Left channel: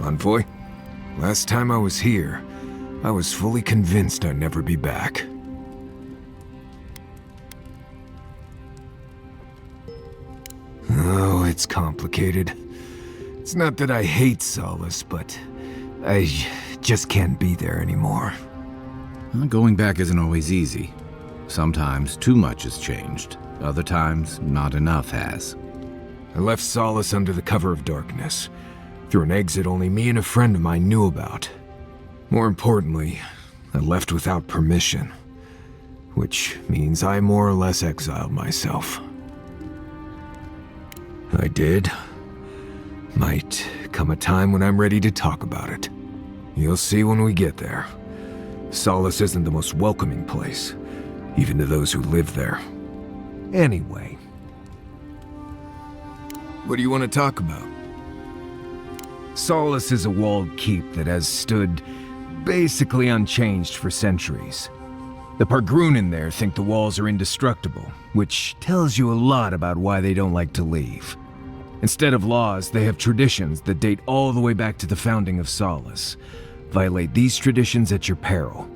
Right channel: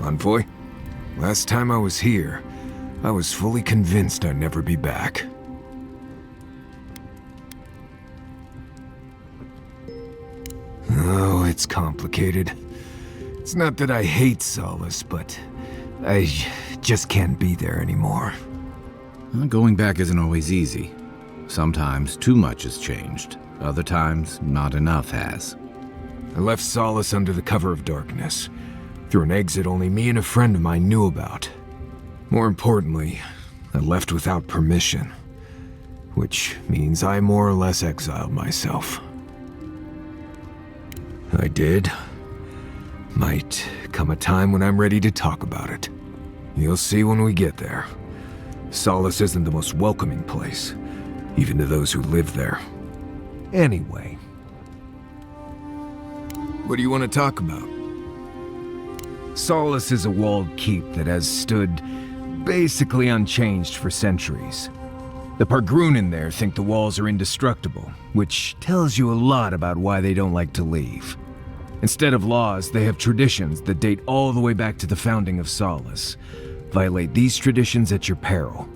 Envoy, last time I was here, I was fully convinced I'd never be back. Oh, it's complicated. It's not that I hate Solace, but I just can't be there anymore. Well, going back isn't always easy. Sometimes too much has changed. Other times, not enough has. I left Solace under the cover of darkness, through an exit only me and a friend of mine knew about. More importantly, I left without permission, which means I more or less exiled myself. I did. Might come a time when I'm ready to talk about it. You'll see when we get there. Solace isn't the most welcoming place, even to those who live there. Anyway. What do you want to talk about? Solace is a walled keep that has stood basically unchanged for centuries. The Pargrunen there think the walls are indestructible, which tells you a lot about why they don't like to leave. Instead of laws, they have traditions that date all the way back to the founding of Solace. Violate these traditions at your peril.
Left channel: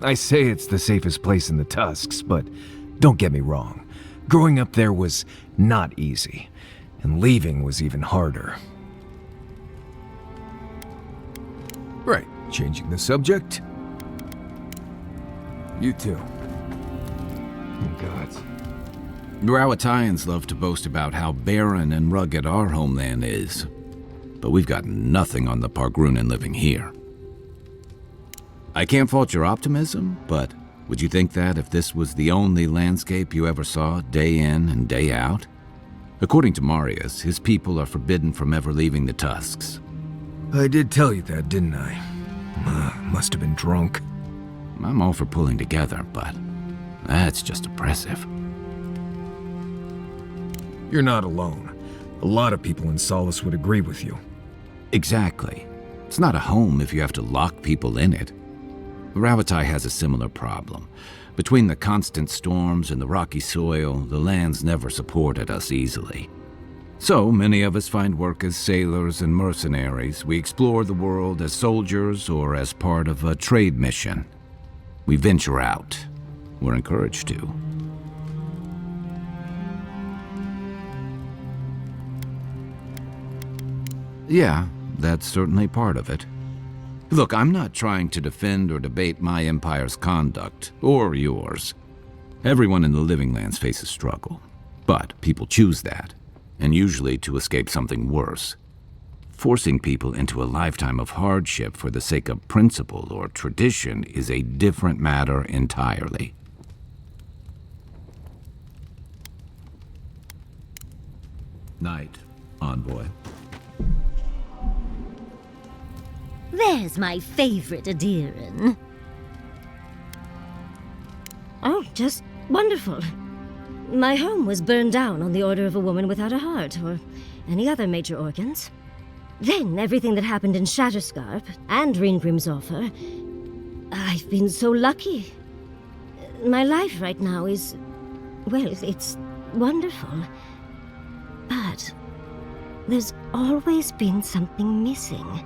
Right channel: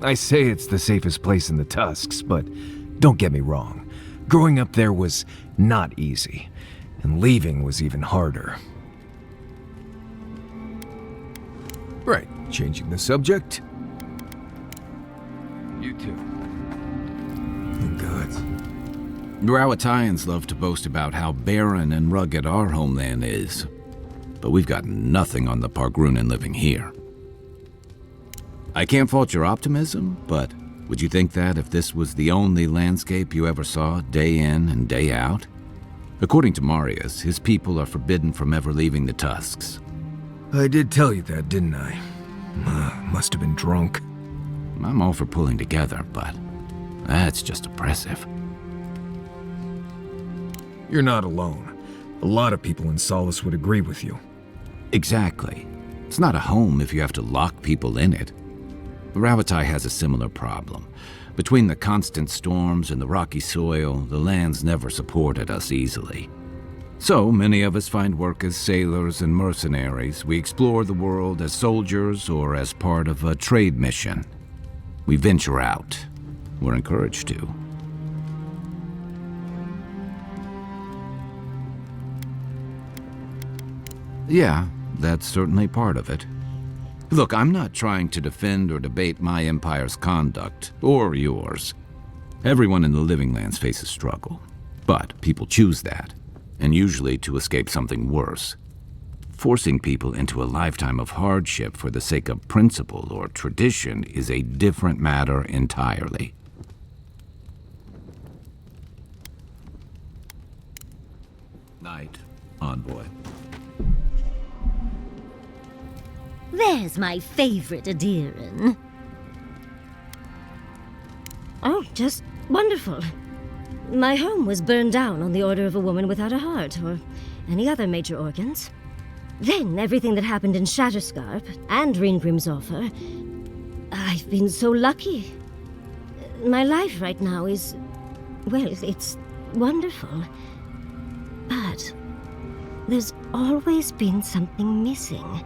I say it's the safest place in the Tusks, but don't get me wrong. Growing up there was not easy, and leaving was even harder. Right, changing the subject. You too. Rawatayans love to boast about how barren and rugged our homeland is, but we've got nothing on the Pargrunen living here. I can't fault your optimism, but would you think that if this was the only landscape you ever saw day in and day out? According to Marius, his people are forbidden from ever leaving the Tusks. I did tell you that, didn't I? Must have been drunk. I'm all for pulling together, but that's just oppressive. You're not alone. A lot of people in Solace would agree with you. Exactly. It's not a home if you have to lock people in it. Ravatai has a similar problem. Between the constant storms and the rocky soil, the lands never supported us easily. So many of us find work as sailors and mercenaries. We explore the world as soldiers or as part of a trade mission. We venture out. We're encouraged to. Yeah, that's certainly part of it. Look, I'm not trying to defend or debate my empire's conduct, or yours. Everyone in the Living Lands faces struggle, but people choose that, and usually to escape something worse. Forcing people into a lifetime of hardship for the sake of principle or tradition is a different matter entirely. Night, Envoy. There's my favorite Adiran. Oh, just wonderful. My home was burned down on the order of a woman without a heart, or any other major organs. Then everything that happened in Shatterscarp and Ringrim's offer. I've been so lucky. My life right now is, well, it's wonderful. But there's always been something missing.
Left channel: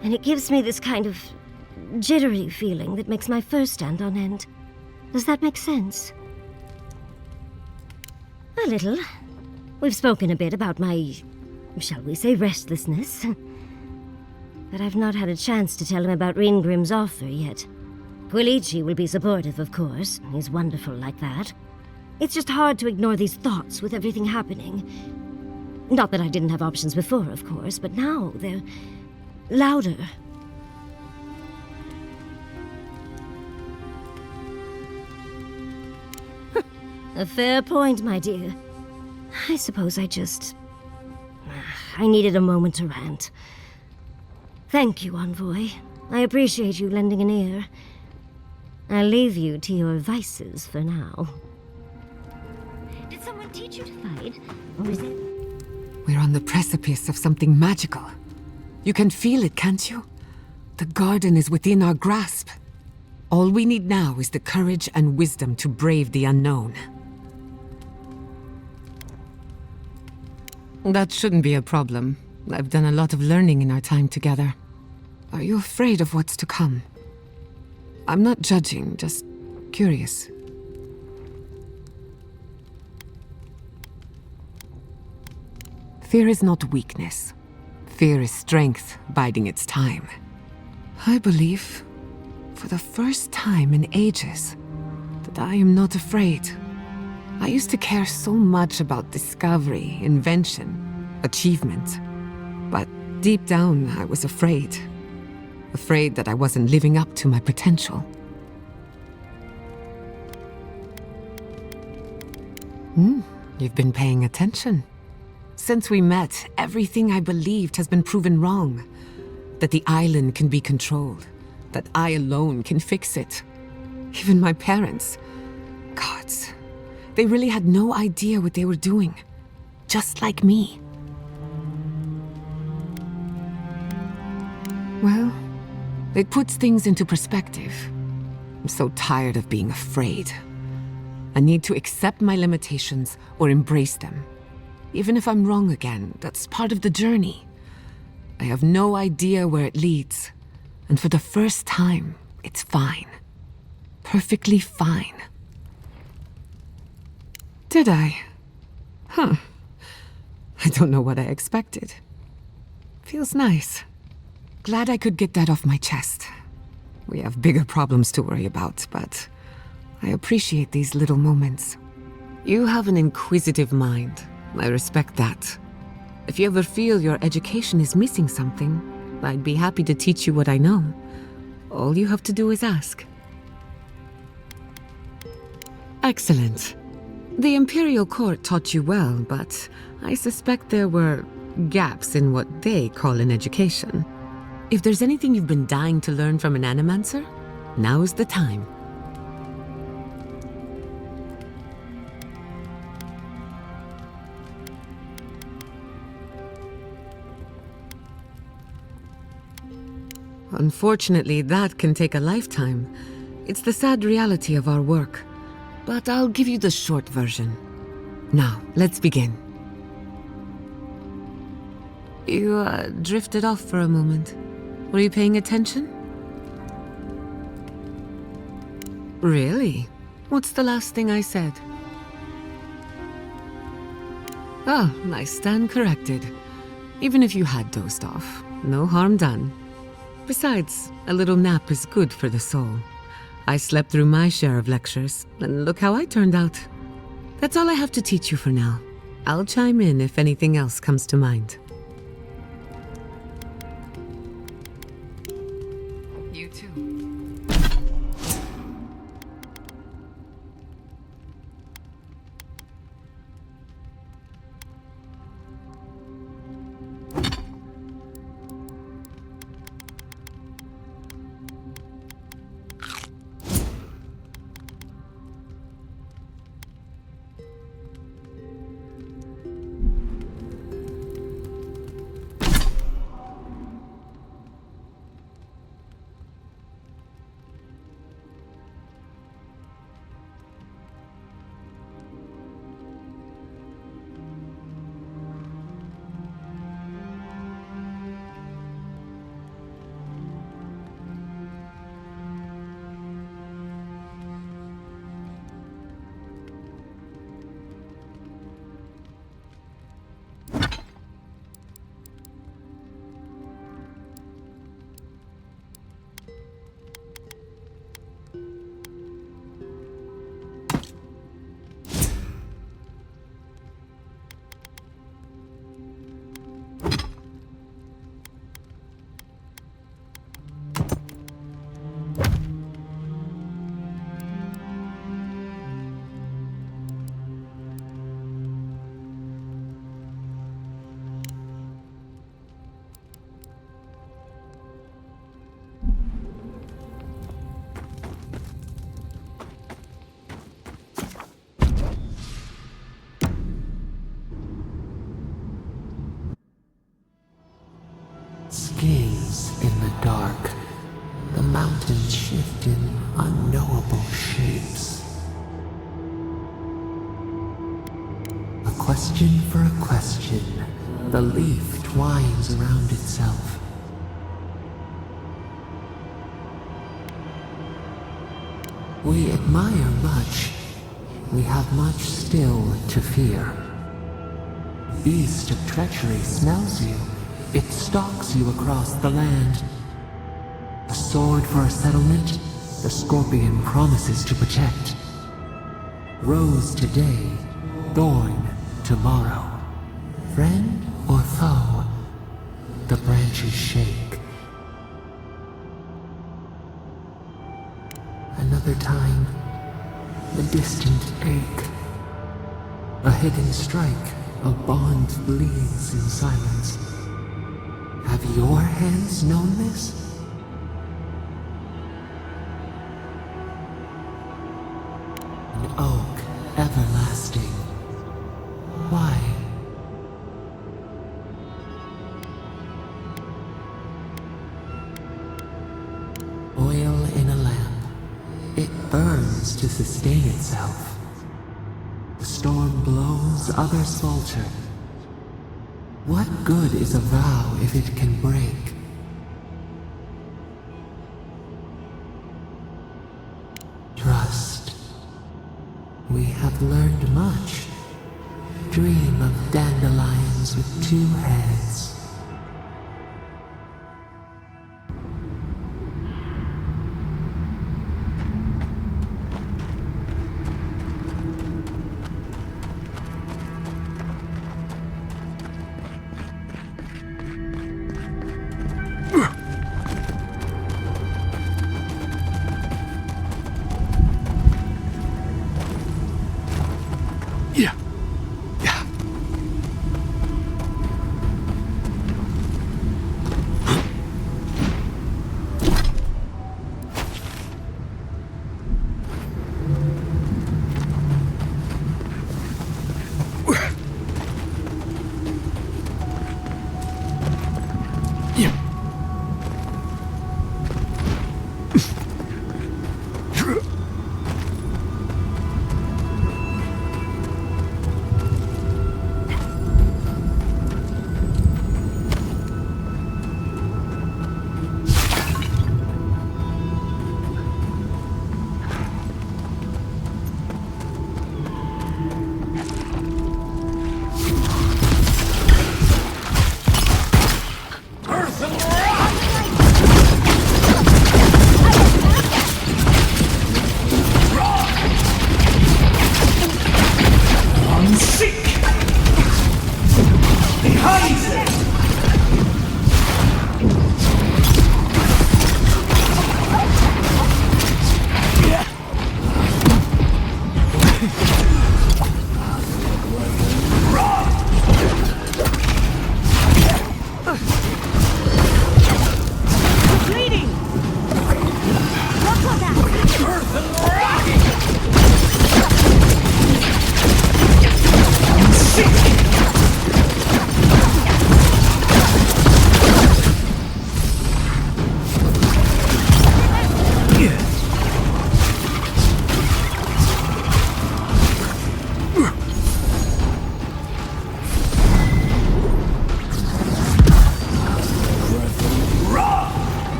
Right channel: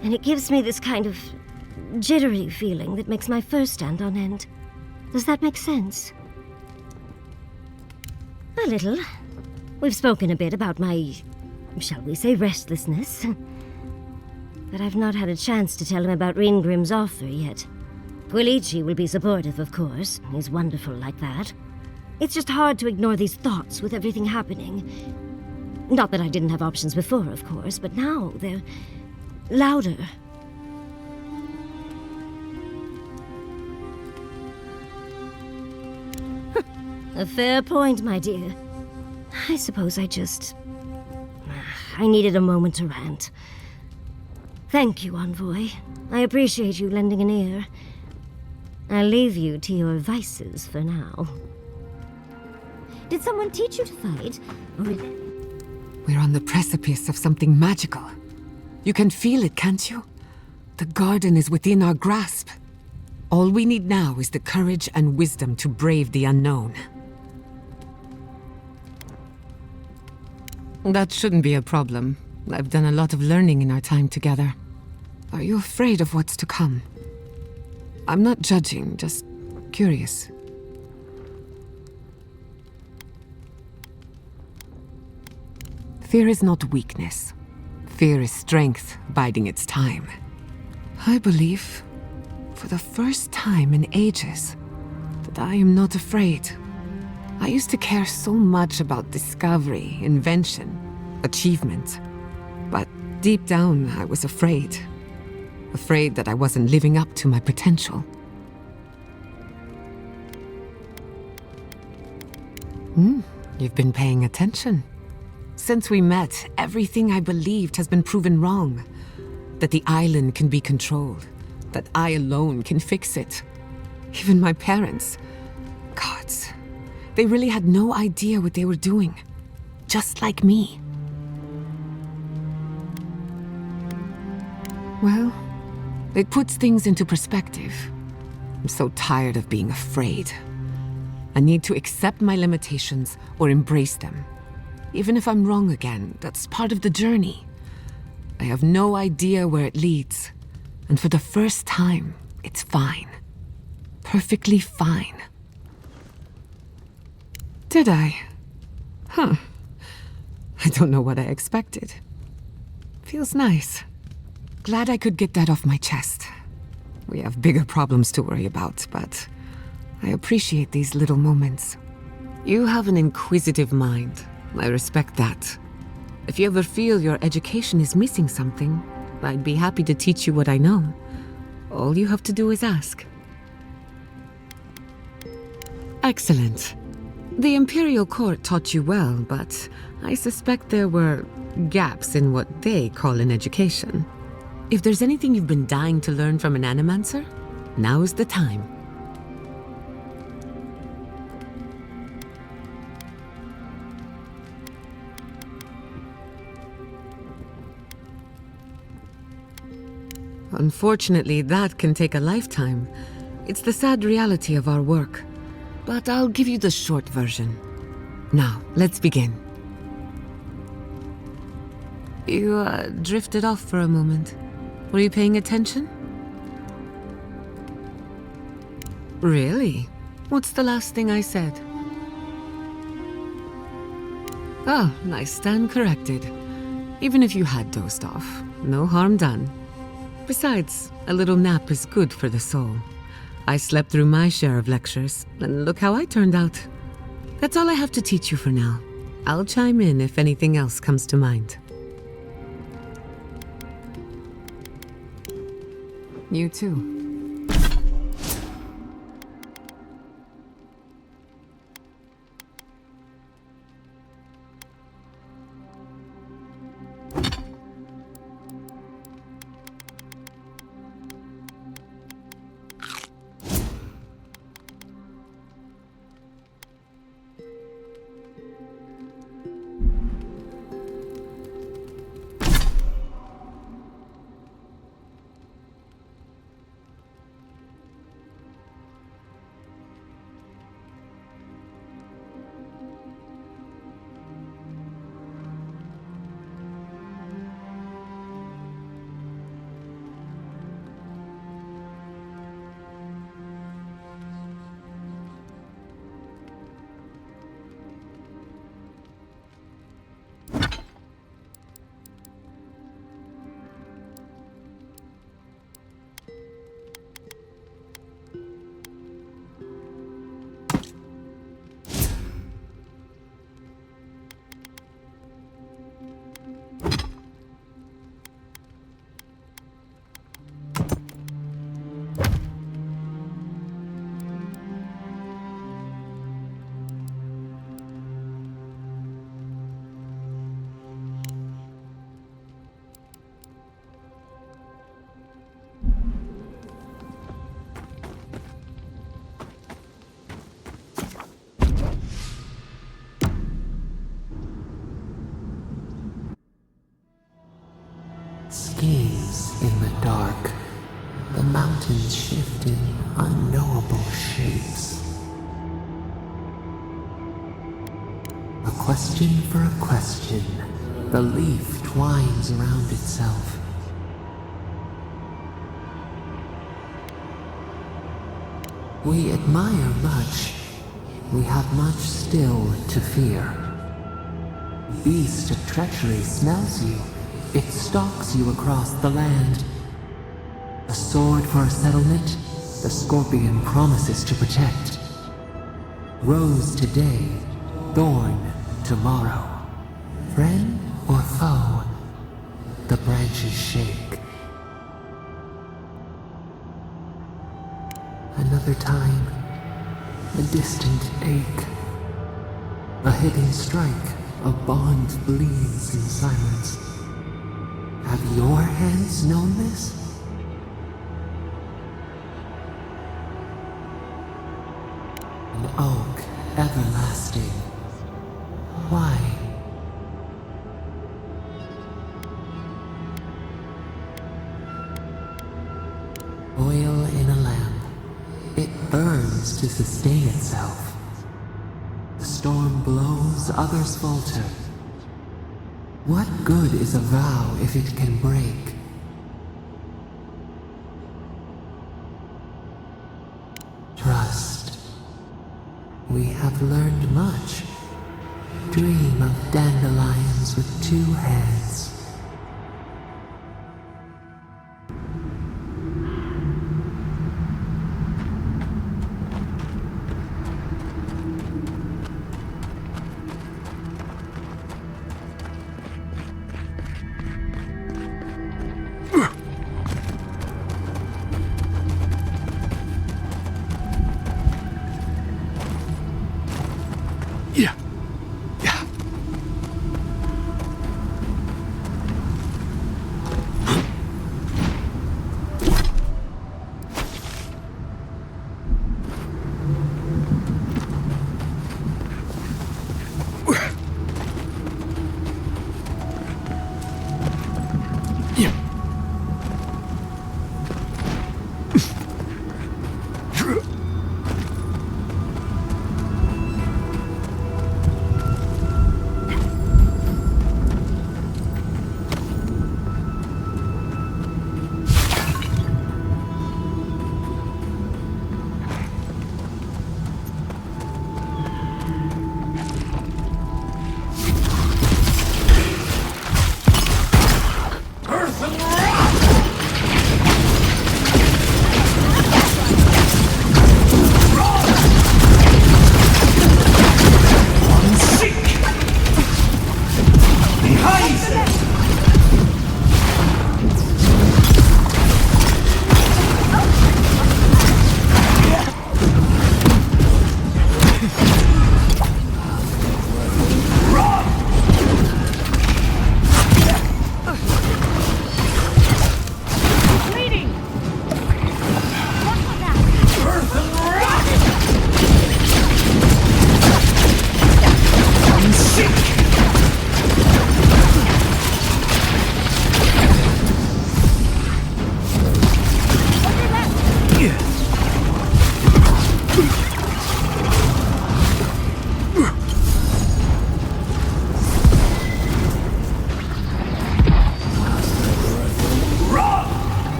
And it gives me this kind of jittery feeling that makes my fur stand on end. Does that make sense? A little. We've spoken a bit about my, shall we say, restlessness. But I've not had a chance to tell him about Ringrim's offer yet. Quilici will be supportive, of course. He's wonderful like that. It's just hard to ignore these thoughts with everything happening. Not that I didn't have options before, of course, but now they're louder. A fair point, my dear. I suppose I needed a moment to rant. Thank you, Envoy. I appreciate you lending an ear. I'll leave you to your vices for now. Did someone teach you to fight? Or is it... We're on the precipice of something magical. You can feel it, can't you? The garden is within our grasp. All we need now is the courage and wisdom to brave the unknown. That shouldn't be a problem. I've done a lot of learning in our time together. Are you afraid of what's to come? I'm not judging, just curious. Fear is not weakness. Fear is strength biding its time. I believe, for the first time in ages, that I am not afraid. I used to care so much about discovery, invention, achievement. But deep down, I was afraid. Afraid that I wasn't living up to my potential. You've been paying attention. Since we met, everything I believed has been proven wrong. That the island can be controlled. That I alone can fix it. Even my parents. Gods. They really had no idea what they were doing. Just like me. Well, it puts things into perspective. I'm so tired of being afraid. I need to accept my limitations or embrace them. Even if I'm wrong again, that's part of the journey. I have no idea where it leads. And for the first time, it's fine. Perfectly fine. Did I? Huh. I don't know what I expected. Feels nice. Glad I could get that off my chest. We have bigger problems to worry about, but I appreciate these little moments. You have an inquisitive mind. I respect that. If you ever feel your education is missing something, I'd be happy to teach you what I know. All you have to do is ask. Excellent. The Imperial Court taught you well, but I suspect there were gaps in what they call an education. If there's anything you've been dying to learn from an animancer, now is the time. Unfortunately, that can take a lifetime. It's the sad reality of our work. But I'll give you the short version. Now, let's begin. You drifted off for a moment. Were you paying attention? Really? What's the last thing I said? Oh, I stand corrected. Even if you had dozed off, no harm done. Besides, a little nap is good for the soul. I slept through my share of lectures, and look how I turned out. That's all I have to teach you for now. I'll chime in if anything else comes to mind. You too. Gaze in the dark, the mountains shift in unknowable shapes. A question for a question, The leaf twines around itself. We admire much. We have much still to fear. Beast of treachery smells you. It stalks you across the land. A sword for a settlement, the scorpion promises to protect. Rose today, thorn tomorrow. Friend or foe, the branches shake. Another time, a distant ache. A hidden strike, a bond bleeds in silence. Have your hands known this? An oak everlasting. Why? Oil in a lamp. It burns to sustain itself. The storm blows, others falter. What good is a vow if it can break? Trust. We have learned much. Dream of dandelions with two heads.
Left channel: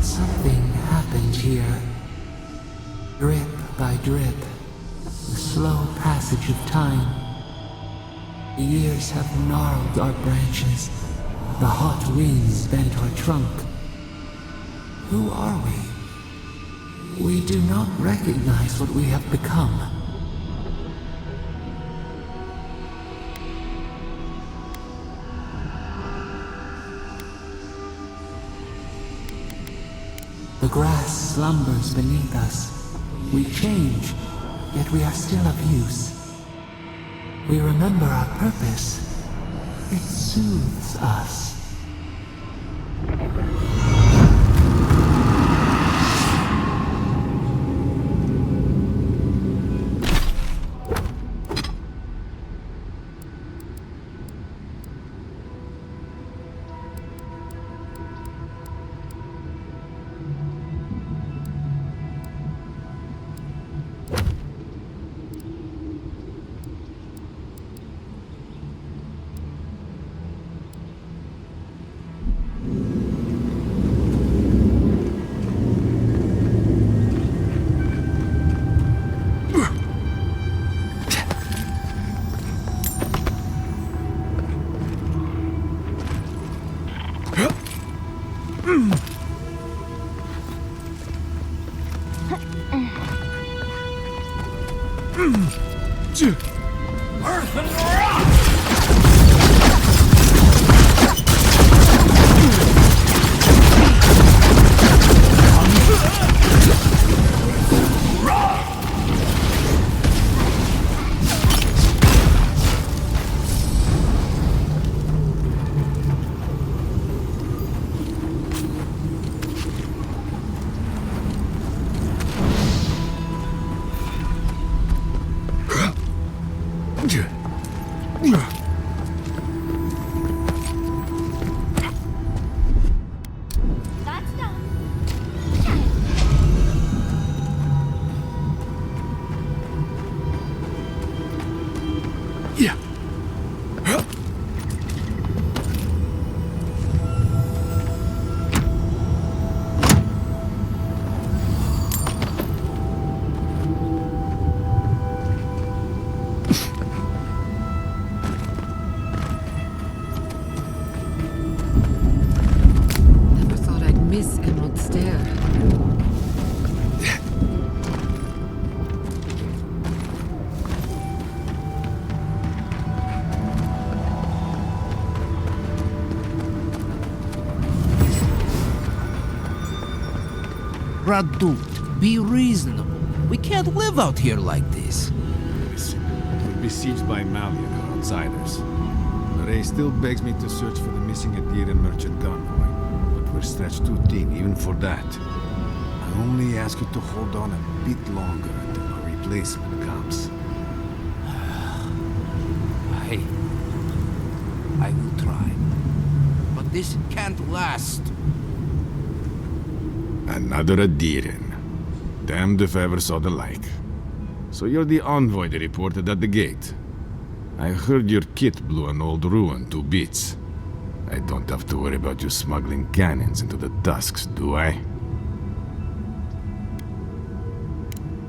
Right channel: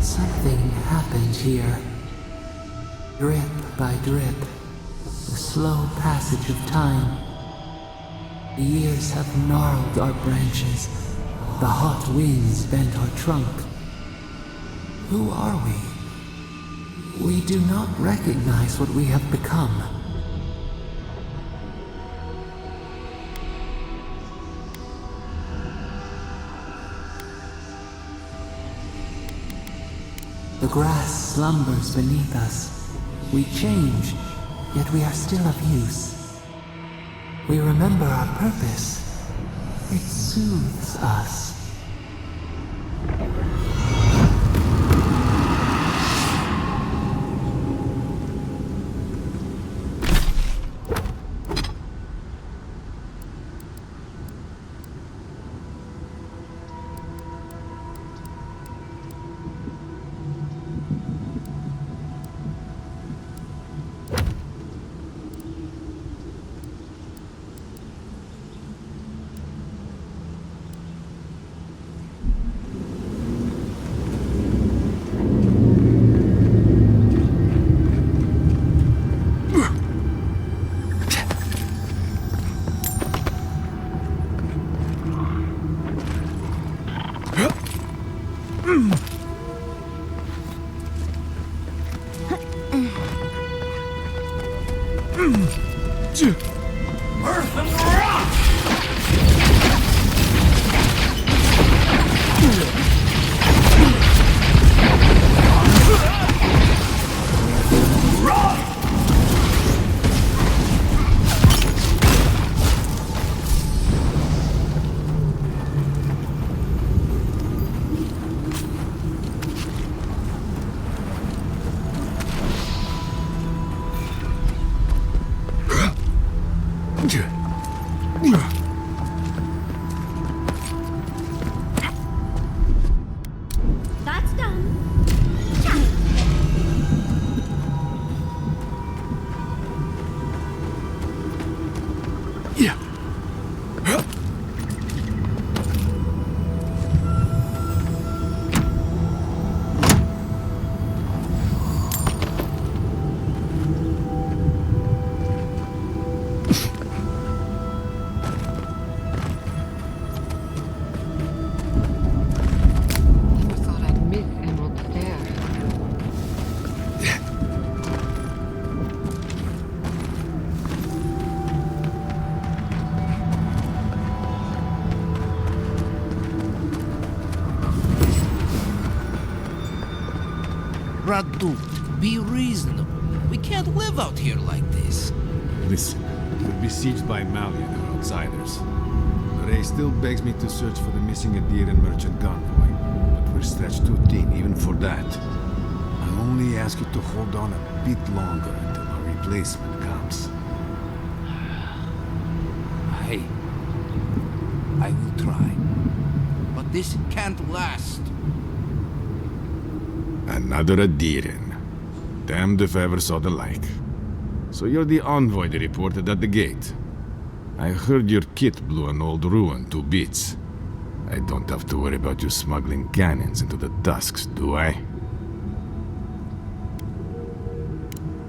Something happened here. Drip by drip, the slow passage of time. The years have gnarled our branches. The hot winds bent our trunk. Who are we? We do not recognize what we have become. The grass slumbers beneath us. We change, yet we are still of use. We remember our purpose. It soothes us. Earth and rock! That's done. Yeah. Never thought I'd miss Emerald Stair. Radut, be reasonable. We can't live out here like this. Listen, we're besieged by Mali and her outsiders. Murray still begs me to search for the missing Adiran merchant convoy, but we're stretched too thin even for that. I only ask you to hold on a bit longer until our replacement comes. Hey, I will try. But this can't last. Another Adiran. Damned if I ever saw the like. So you're the envoy they reported at the gate. I heard your kit blew an old ruin to bits. I don't have to worry about you smuggling cannons into the tusks, do I?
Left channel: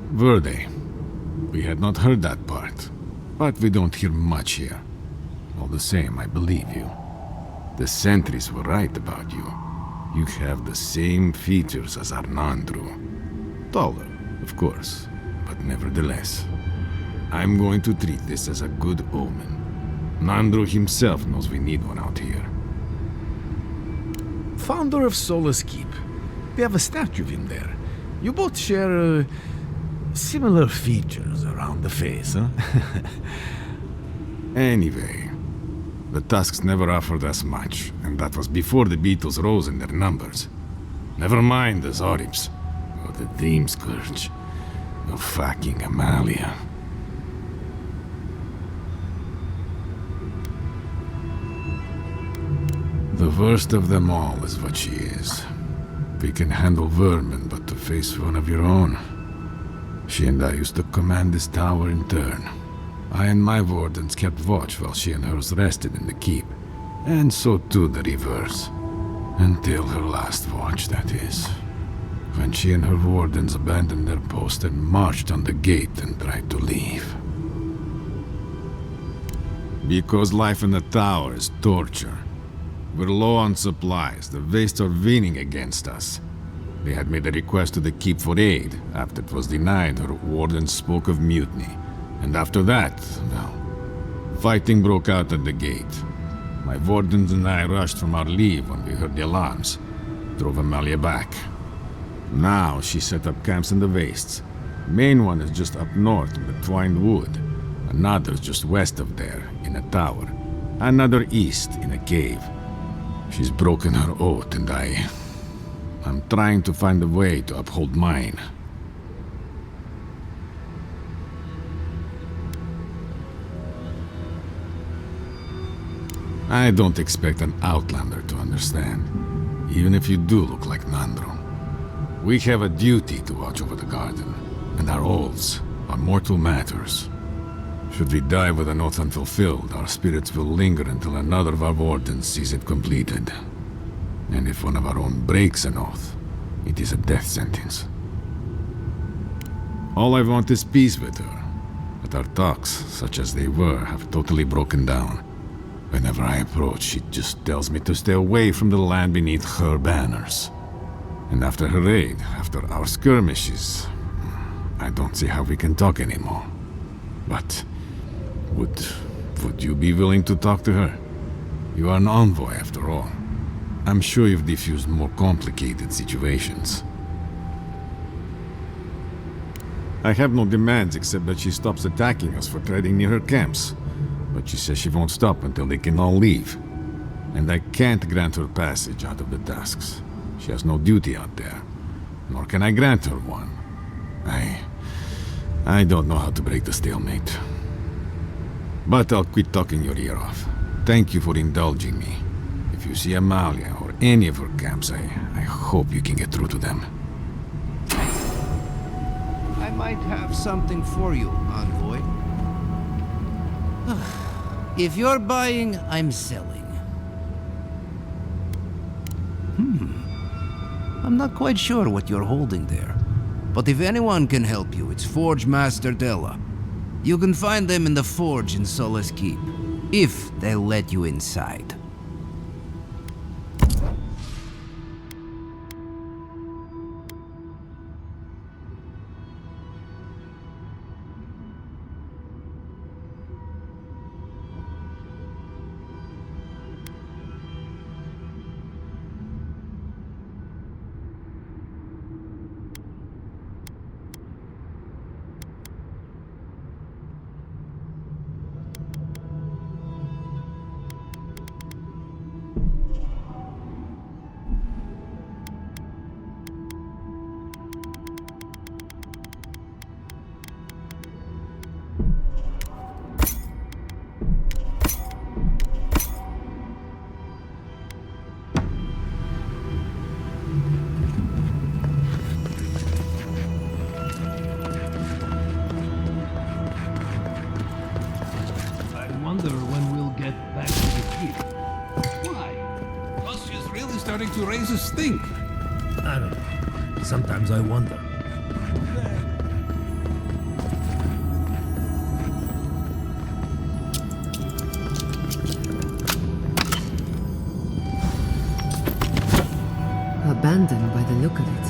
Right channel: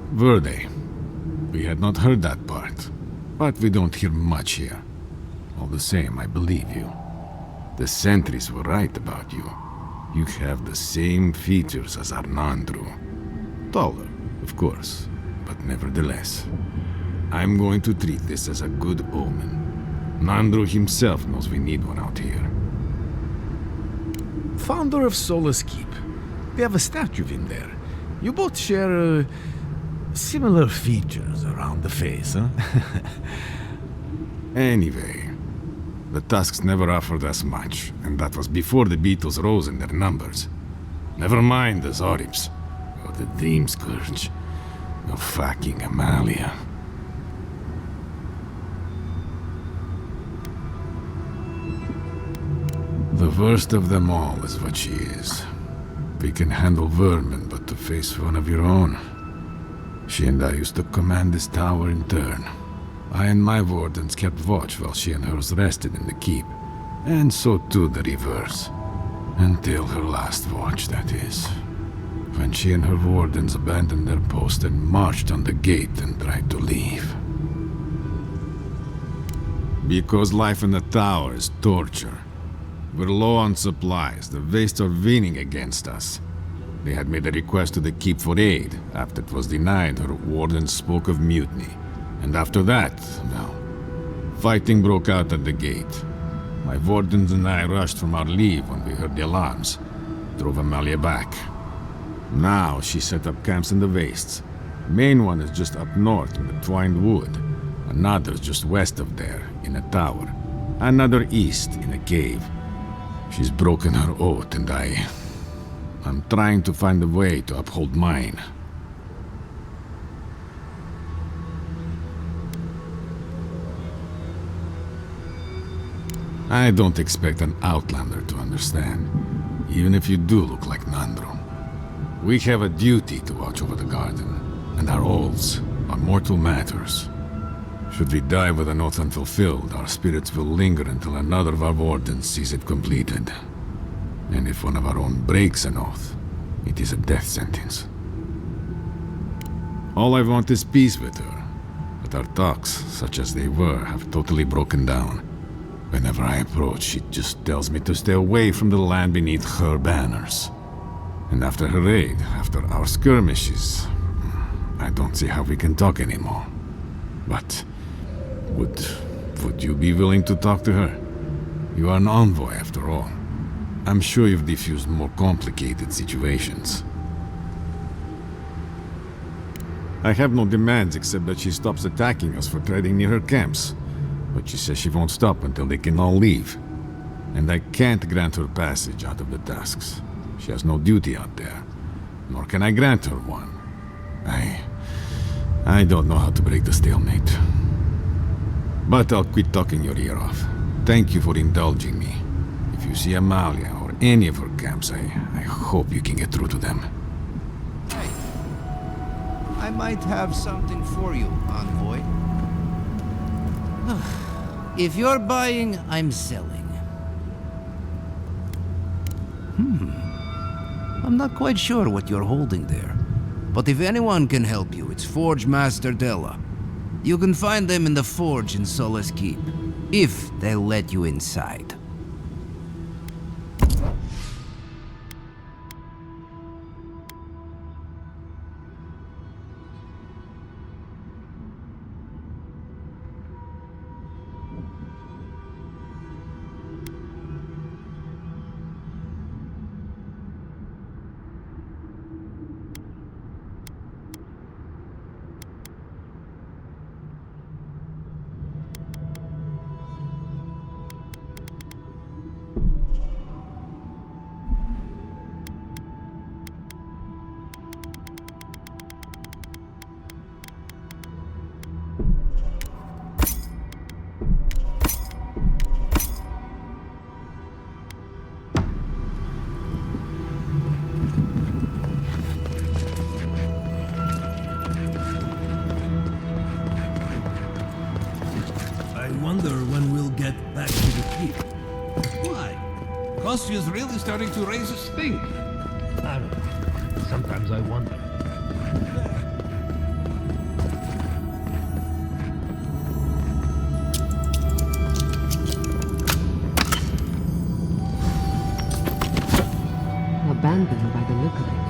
Verde. We had not heard that part, but we don't hear much here. All the same, I believe you. The sentries were right about you. You have the same features as Arnandru. Taller, of course, but nevertheless. I'm going to treat this as a good omen. Nandru himself knows we need one out here. Founder of Solace Keep. They have a statue of him there. You both share similar features around the face, huh? Anyway, the Tusks never offered us much, and that was before the Beatles rose in their numbers. Never mind the Zoribs, or the Dream Scourge, or fucking Amalia. The worst of them all is what she is. We can handle vermin, but to face one of your own. She and I used to command this tower in turn. I and my Wardens kept watch while she and hers rested in the keep, and so too the reverse. Until her last watch, that is. When she and her wardens abandoned their post and marched on the gate and tried to leave. Because life in the tower is torture. We're low on supplies. The Vastes are leaning against us. They had made a request to the Keep for aid. After it was denied, her wardens spoke of mutiny. And after that, well, fighting broke out at the gate. My wardens and I rushed from our leave when we heard the alarms. Drove Amalia back. Now she set up camps in the Vastes. Main one is just up north in the Twined Wood. Another's just west of there, in a tower. Another east, in a cave. She's broken her oath and I'm trying to find a way to uphold mine. I don't expect an outlander to understand, even if you do look like Nandro. We have a duty to watch over the garden, and our oaths are mortal matters. Should we die with an oath unfulfilled, our spirits will linger until another of our wardens sees it completed. And if one of our own breaks an oath, it is a death sentence. All I want is peace with her, but our talks, such as they were, have totally broken down. Whenever I approach, she just tells me to stay away from the land beneath her banners. And after her raid, after our skirmishes, I don't see how we can talk anymore. But would you be willing to talk to her? You are an envoy, after all. I'm sure you've diffused more complicated situations. I have no demands except that she stops attacking us for treading near her camps. But she says she won't stop until they can all leave. And I can't grant her passage out of the tasks. She has no duty out there. Nor can I grant her one. I don't know how to break the stalemate. But I'll quit talking your ear off. Thank you for indulging me. If you see Amalia or any of her camps, I hope you can get through to them. I might have something for you, envoy. If you're buying, I'm selling. I'm not quite sure what you're holding there. But if anyone can help you, it's Forge Master Della. You can find them in the forge in Solace Keep, if they'll let you inside. Is really starting to raise a stink. Sometimes I wonder. Abandoned by the look of it.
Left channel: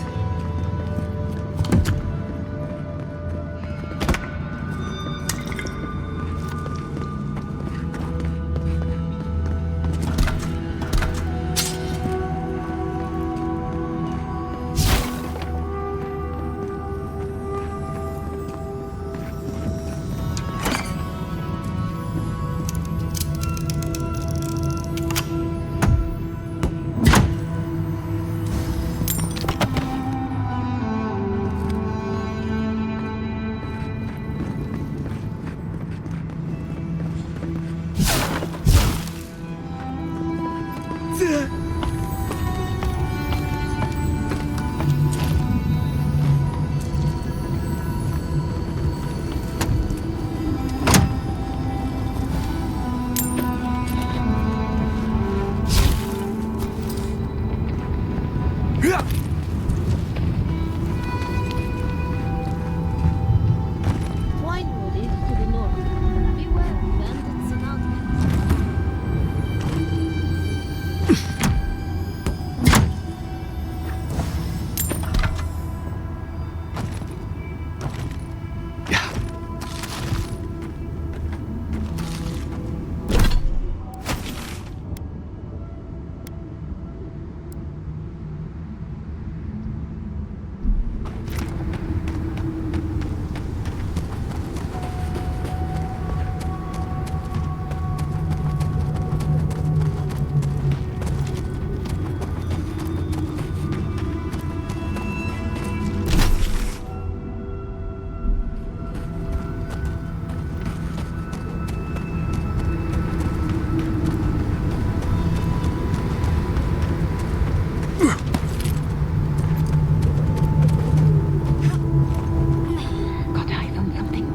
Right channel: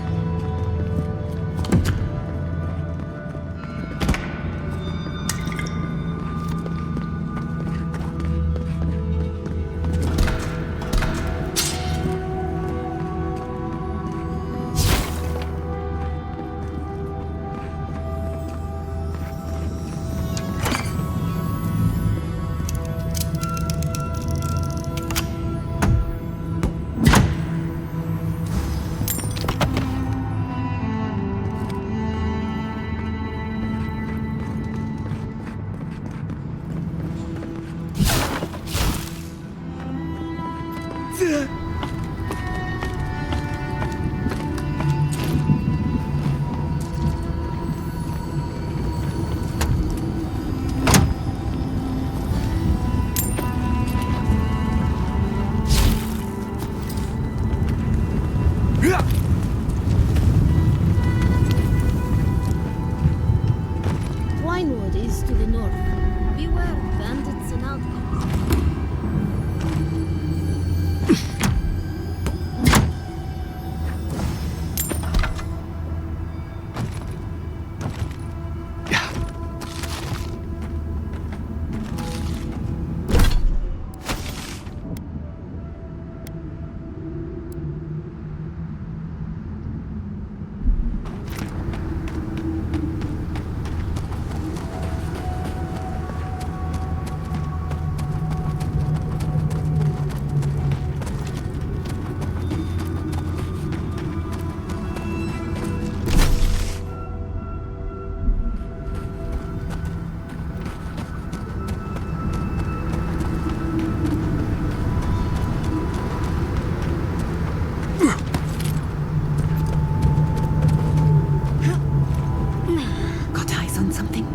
Winewood is to the north. Beware of bandits and outcasts. Got eyes on something.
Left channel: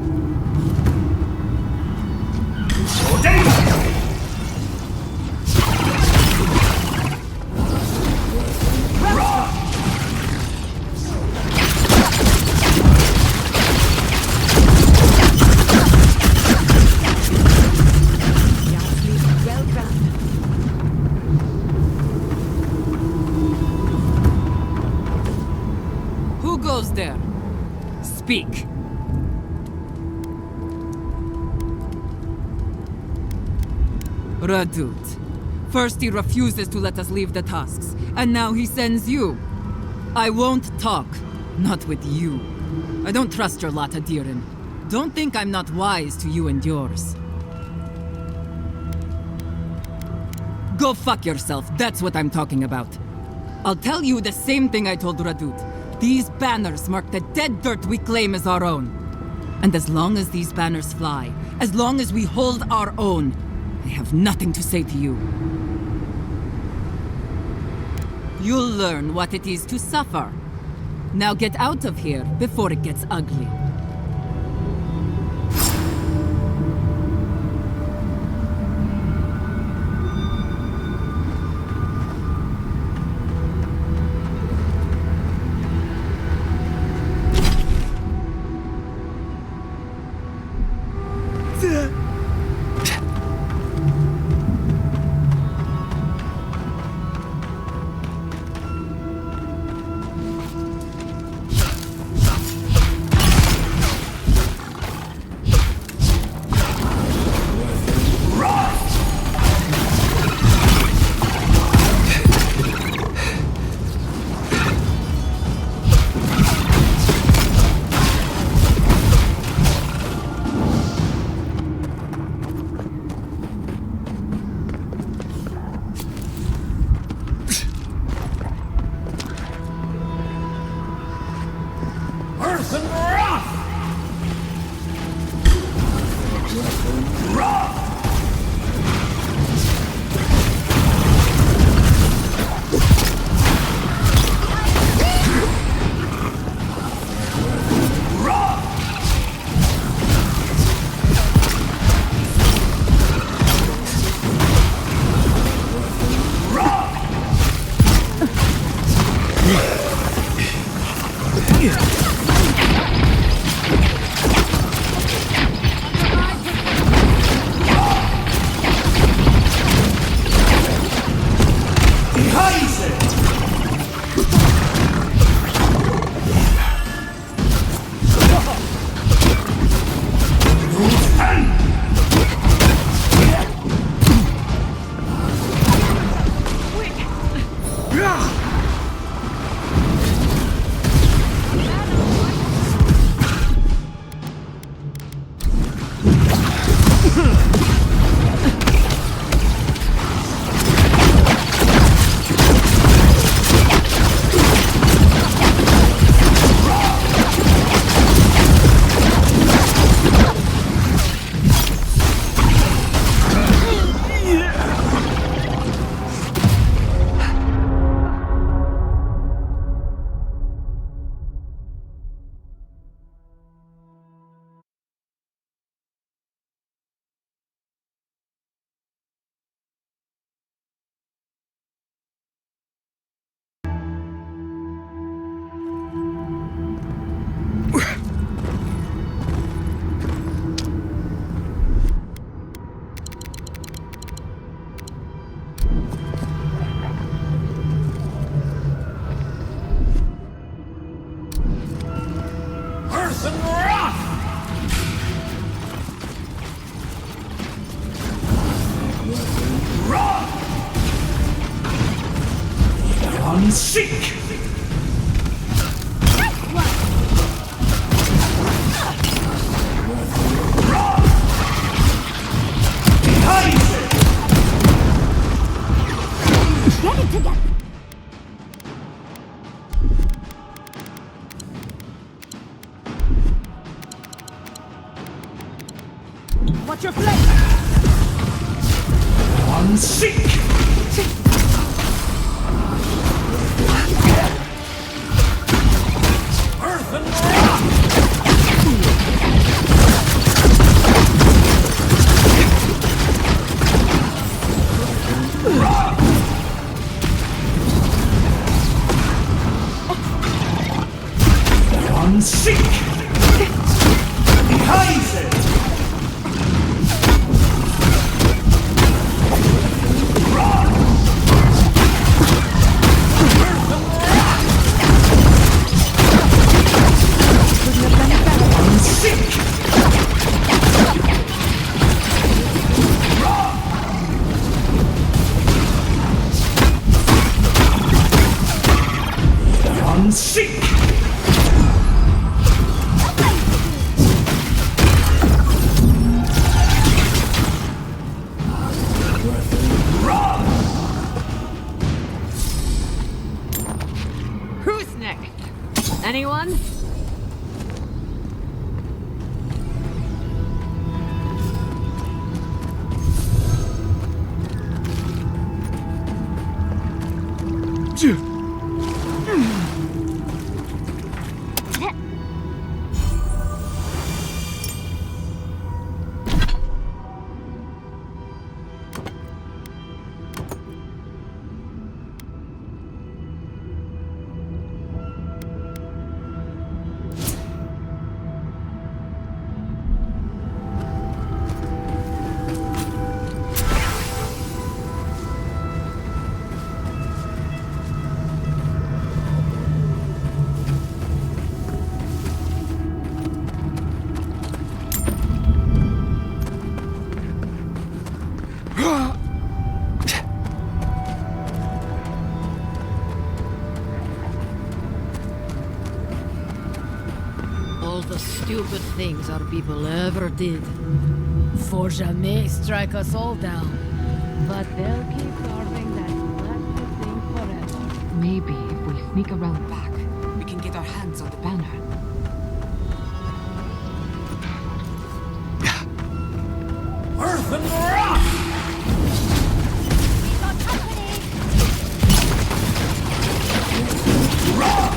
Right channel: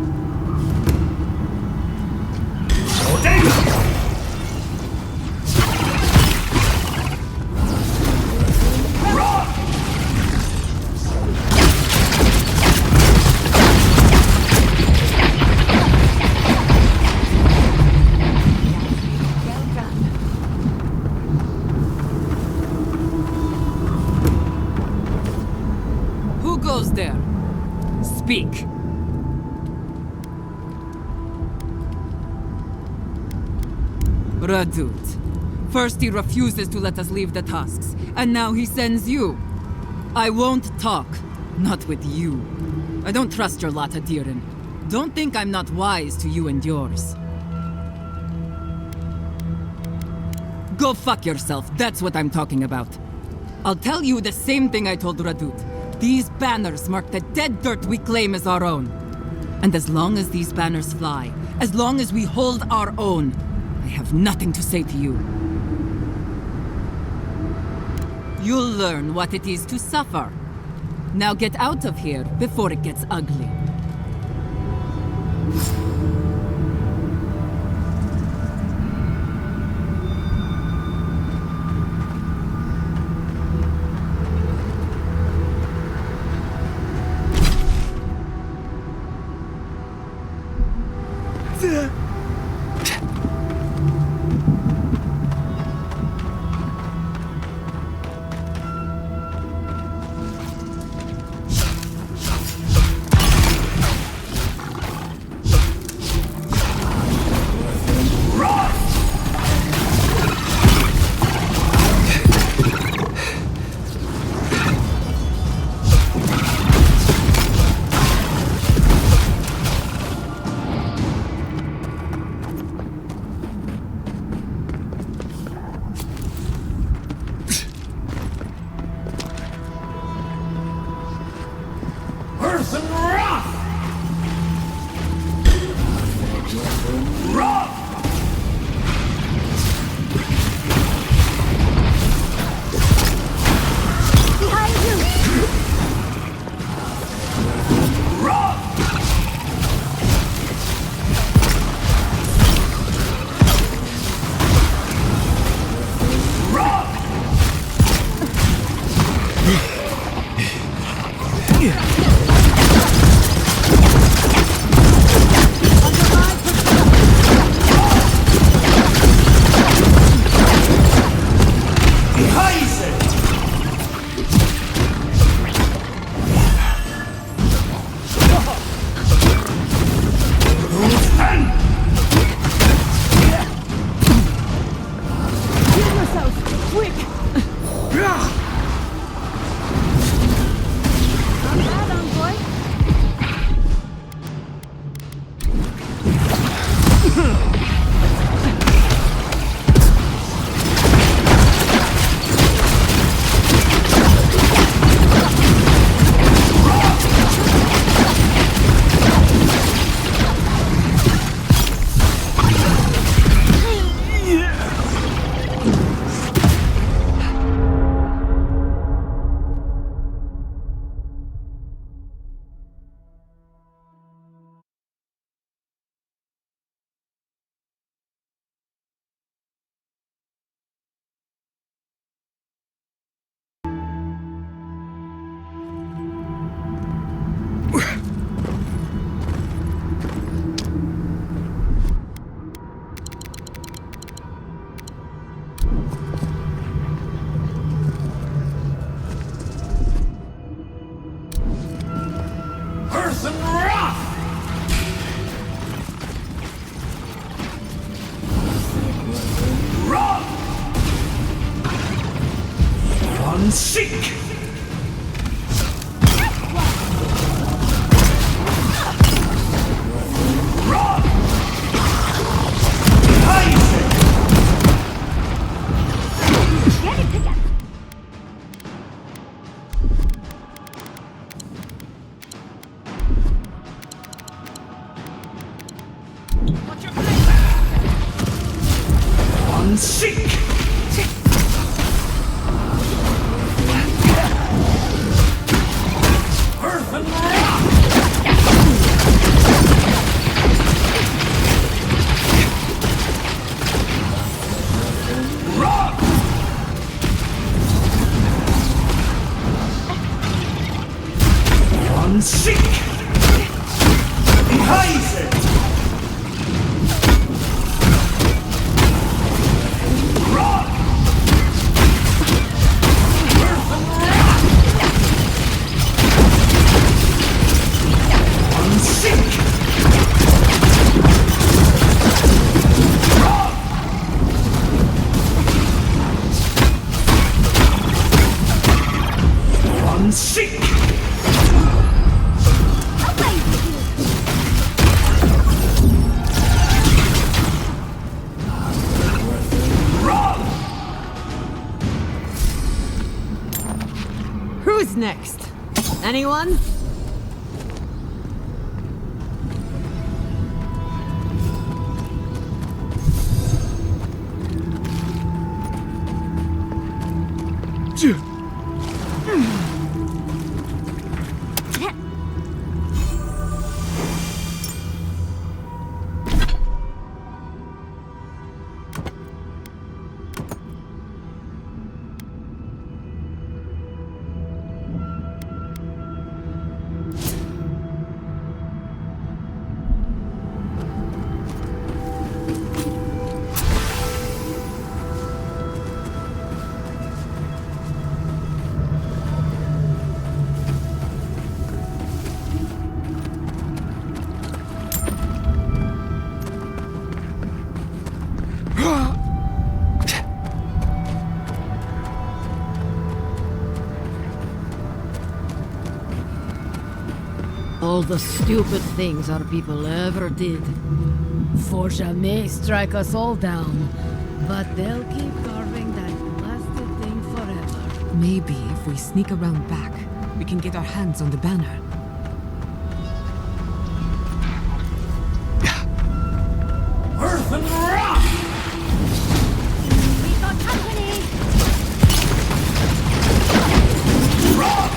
Well done. Who goes there? Speak. Radut. First he refuses to let us leave the tasks, and now he sends you. I won't talk. Not with you. I don't trust your lot, Adirin. Don't think I'm not wise to you and yours. Go fuck yourself, that's what I'm talking about. I'll tell you the same thing I told Radut. These banners mark the dead dirt we claim as our own. And as long as these banners fly, as long as we hold our own, I have nothing to say to you. You'll learn what it is to suffer. Now get out of here before it gets ugly. Earth and rock! Rock! Unseek! Rock! Behind it! What's your flame? Unseek! Earth and rock! Rock! Unseek! Behind it! Rock! Earth and rock! Unseek! Rock! Unseek! Rock! Who's next? Anyone? All the stupid things our people ever did. For jamais strike us all down. But they'll keep carving that master thing forever. Maybe if we sneak around back, we can get our hands on the banner. Earth and rock! We got company! Rock!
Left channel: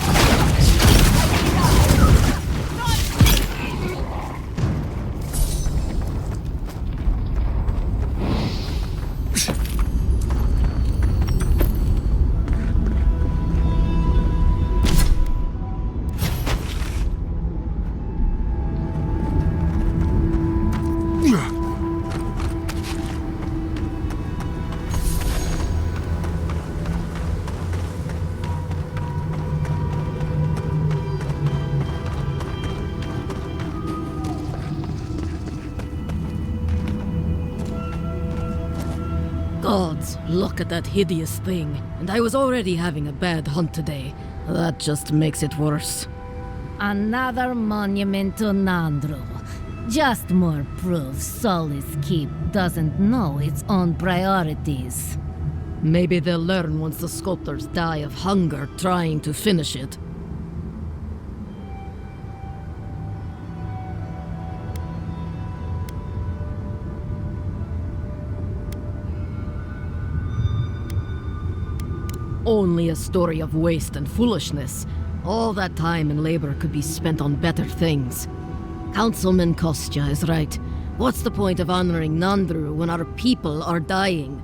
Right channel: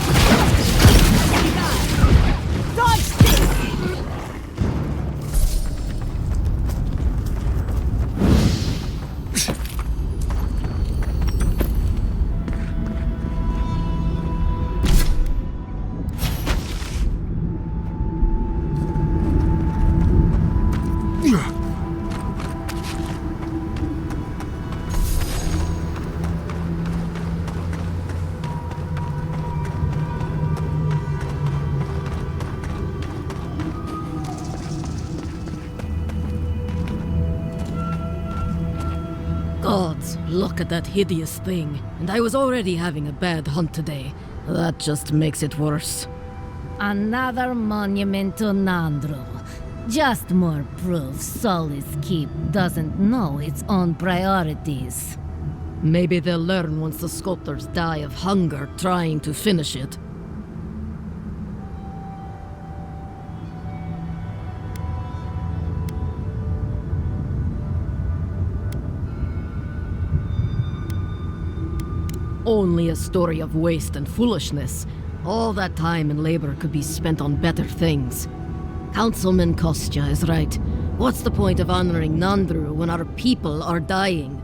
Gods, look at that hideous thing. And I was already having a bad hunt today. That just makes it worse. Another monument to Nandru. Just more proof Solis Keep doesn't know its own priorities. Maybe they'll learn once the sculptors die of hunger trying to finish it. Only a story of waste and foolishness. All that time and labor could be spent on better things. Councilman Kostya is right. What's the point of honoring Nandru when our people are dying?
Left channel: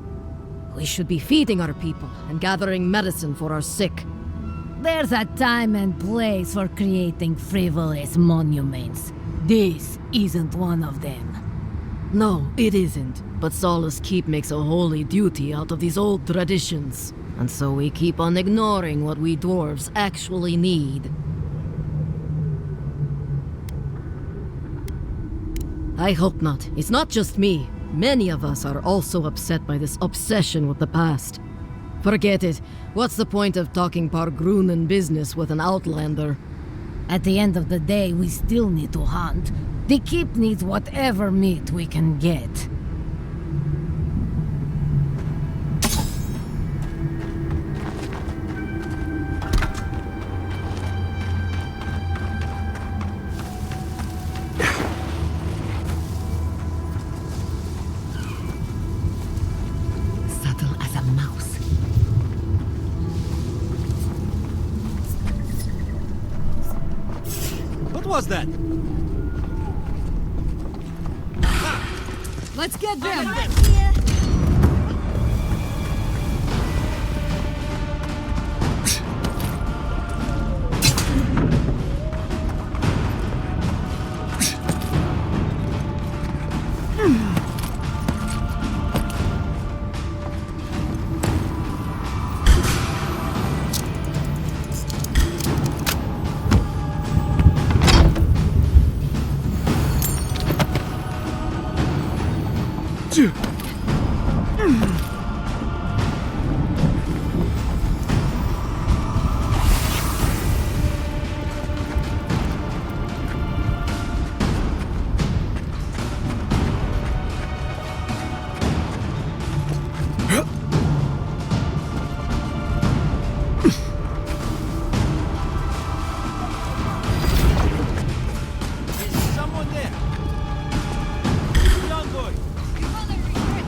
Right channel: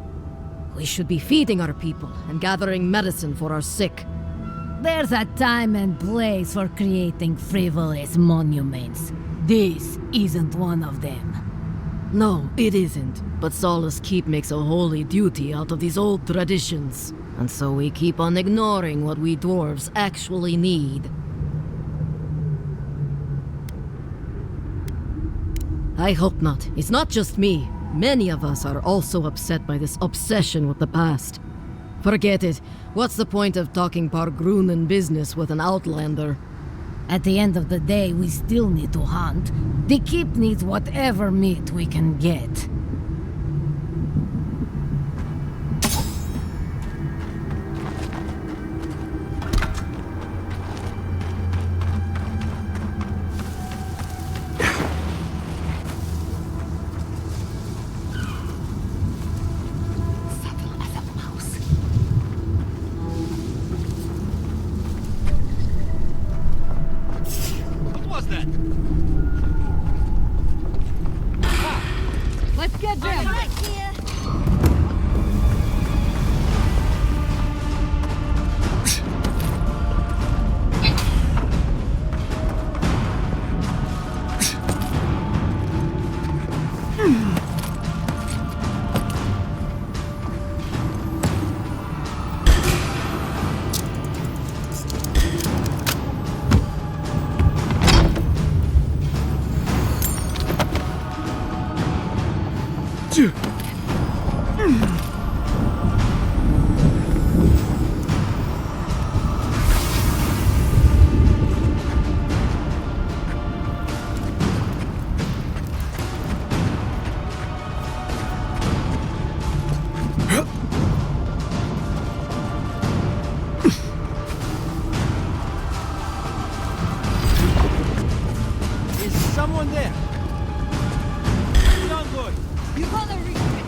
We should be feeding our people and gathering medicine for our sick. There's a time and place for creating frivolous monuments. This isn't one of them. No, it isn't. But Solace Keep makes a holy duty out of these old traditions. And so we keep on ignoring what we dwarves actually need. I hope not. It's not just me. Many of us are also upset by this obsession with the past. Forget it. What's the point of talking Pargrunen business with an outlander? At the end of the day, we still need to hunt. The keep needs whatever meat we can get. Subtle as a mouse. What was that? Let's get Are you right here? Is someone there? Young boy. You gotta regret.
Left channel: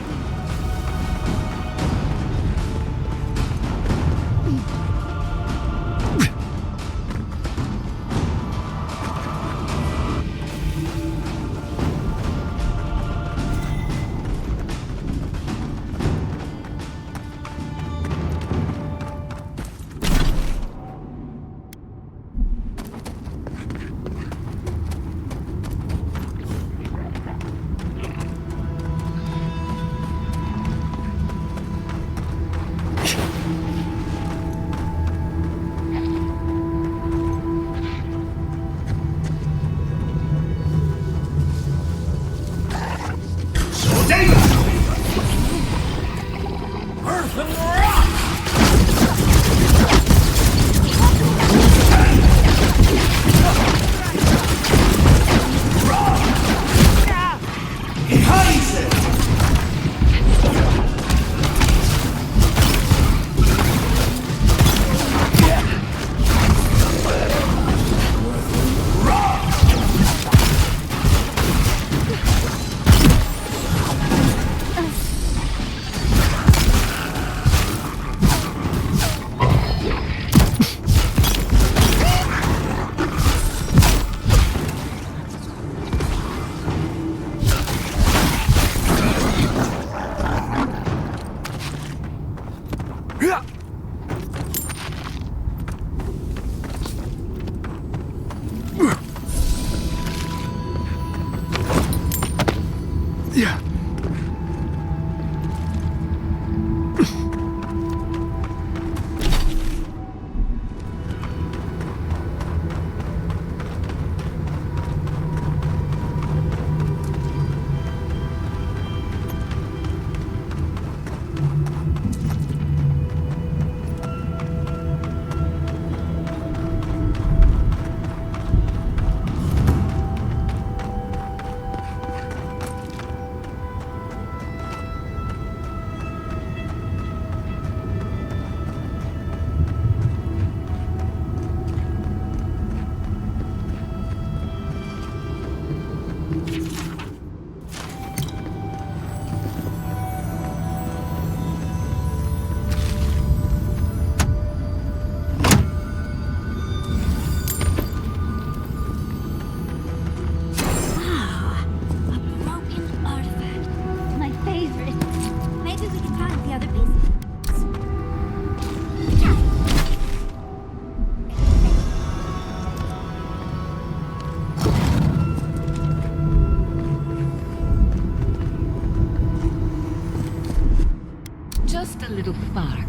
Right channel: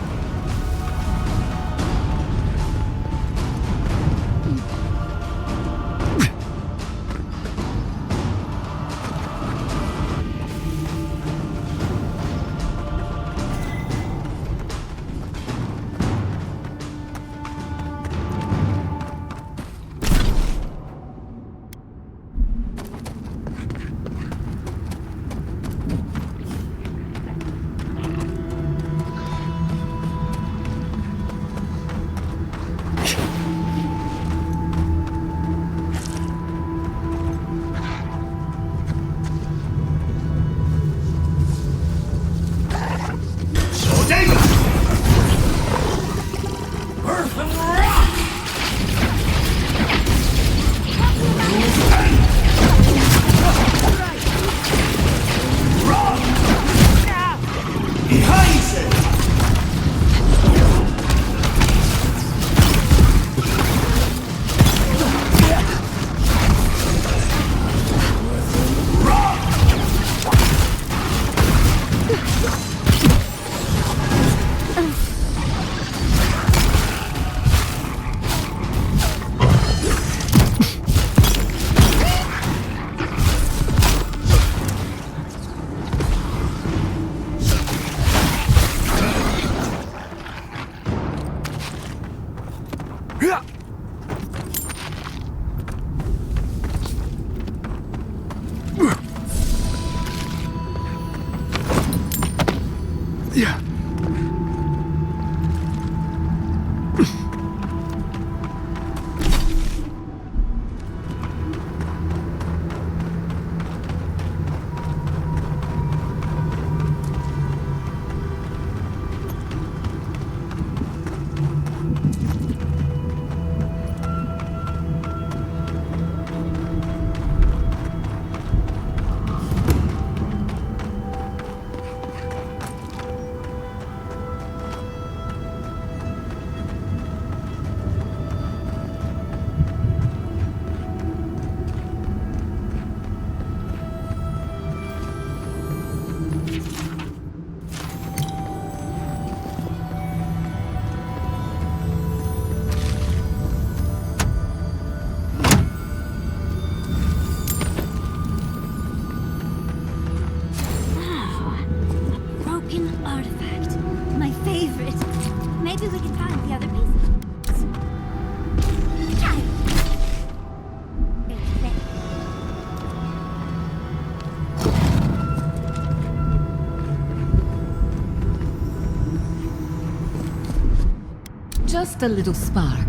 Just a little spark.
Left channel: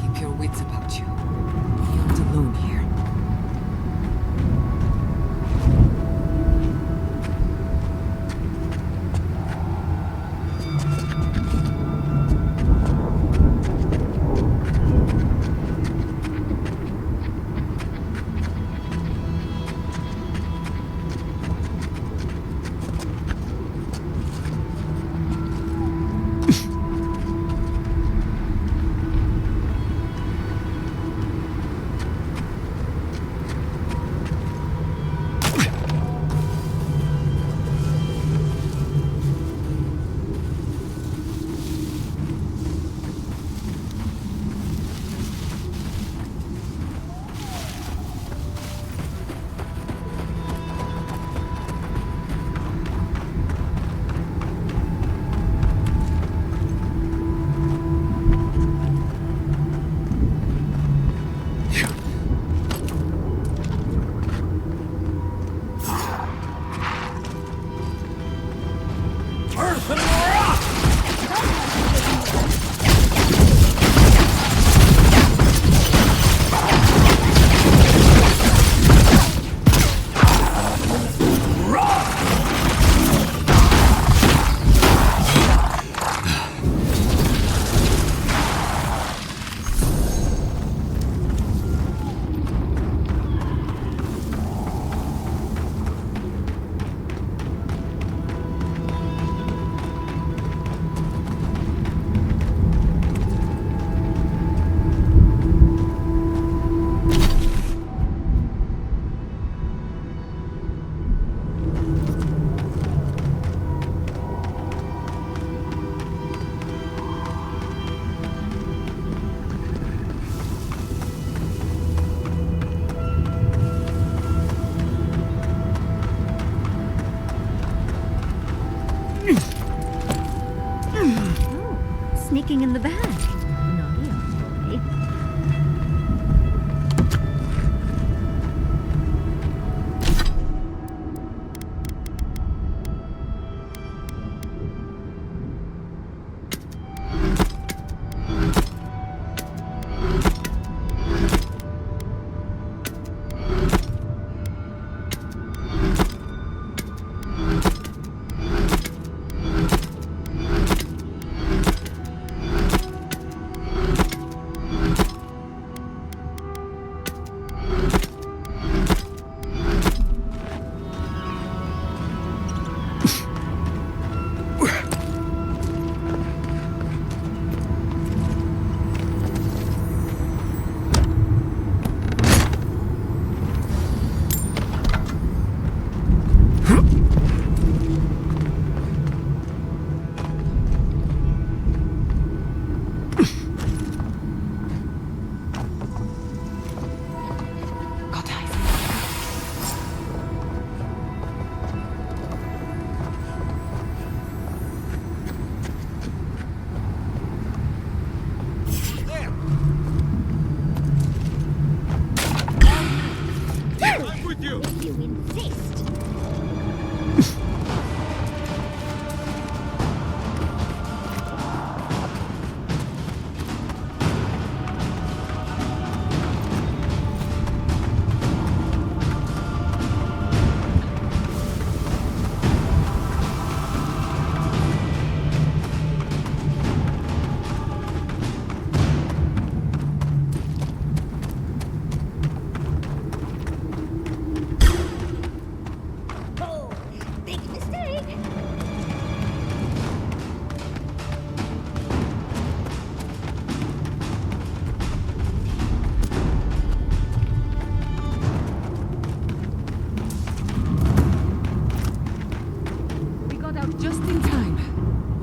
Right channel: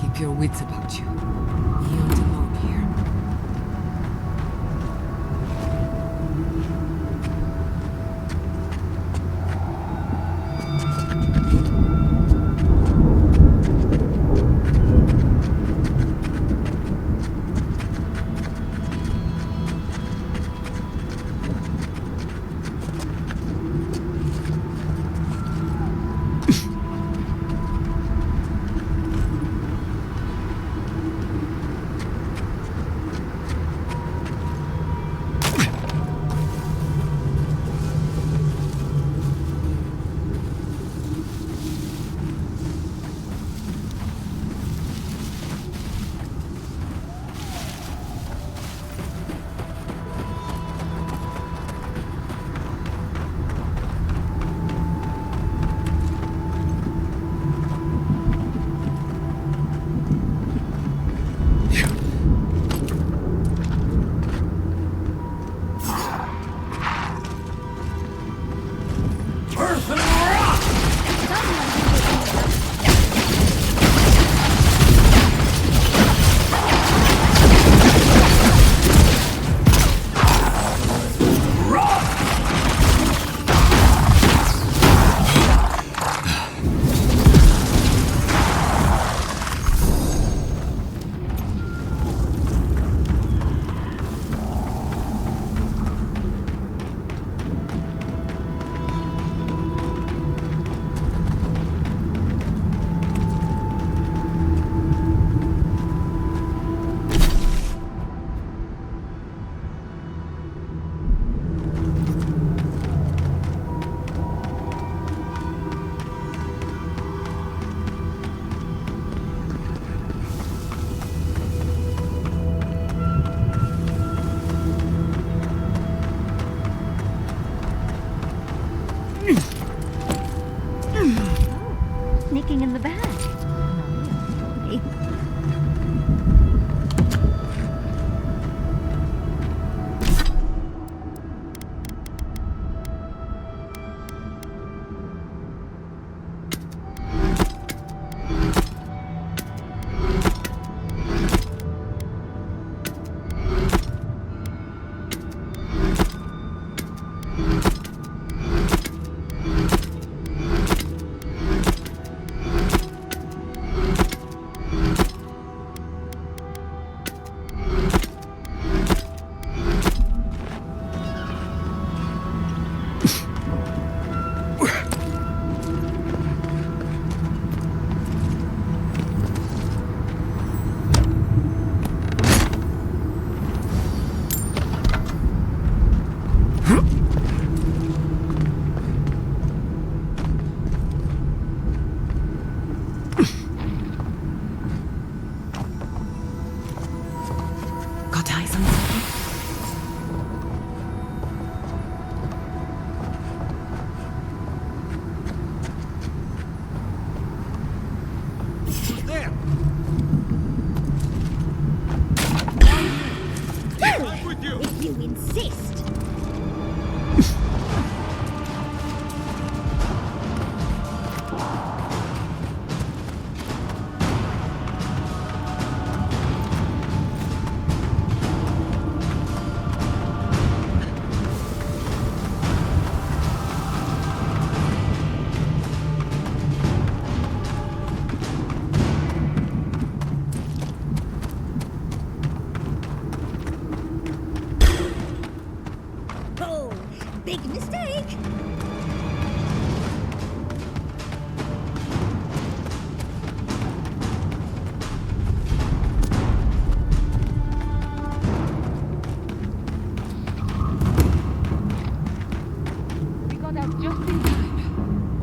Keep your wits about you. You aren't alone here.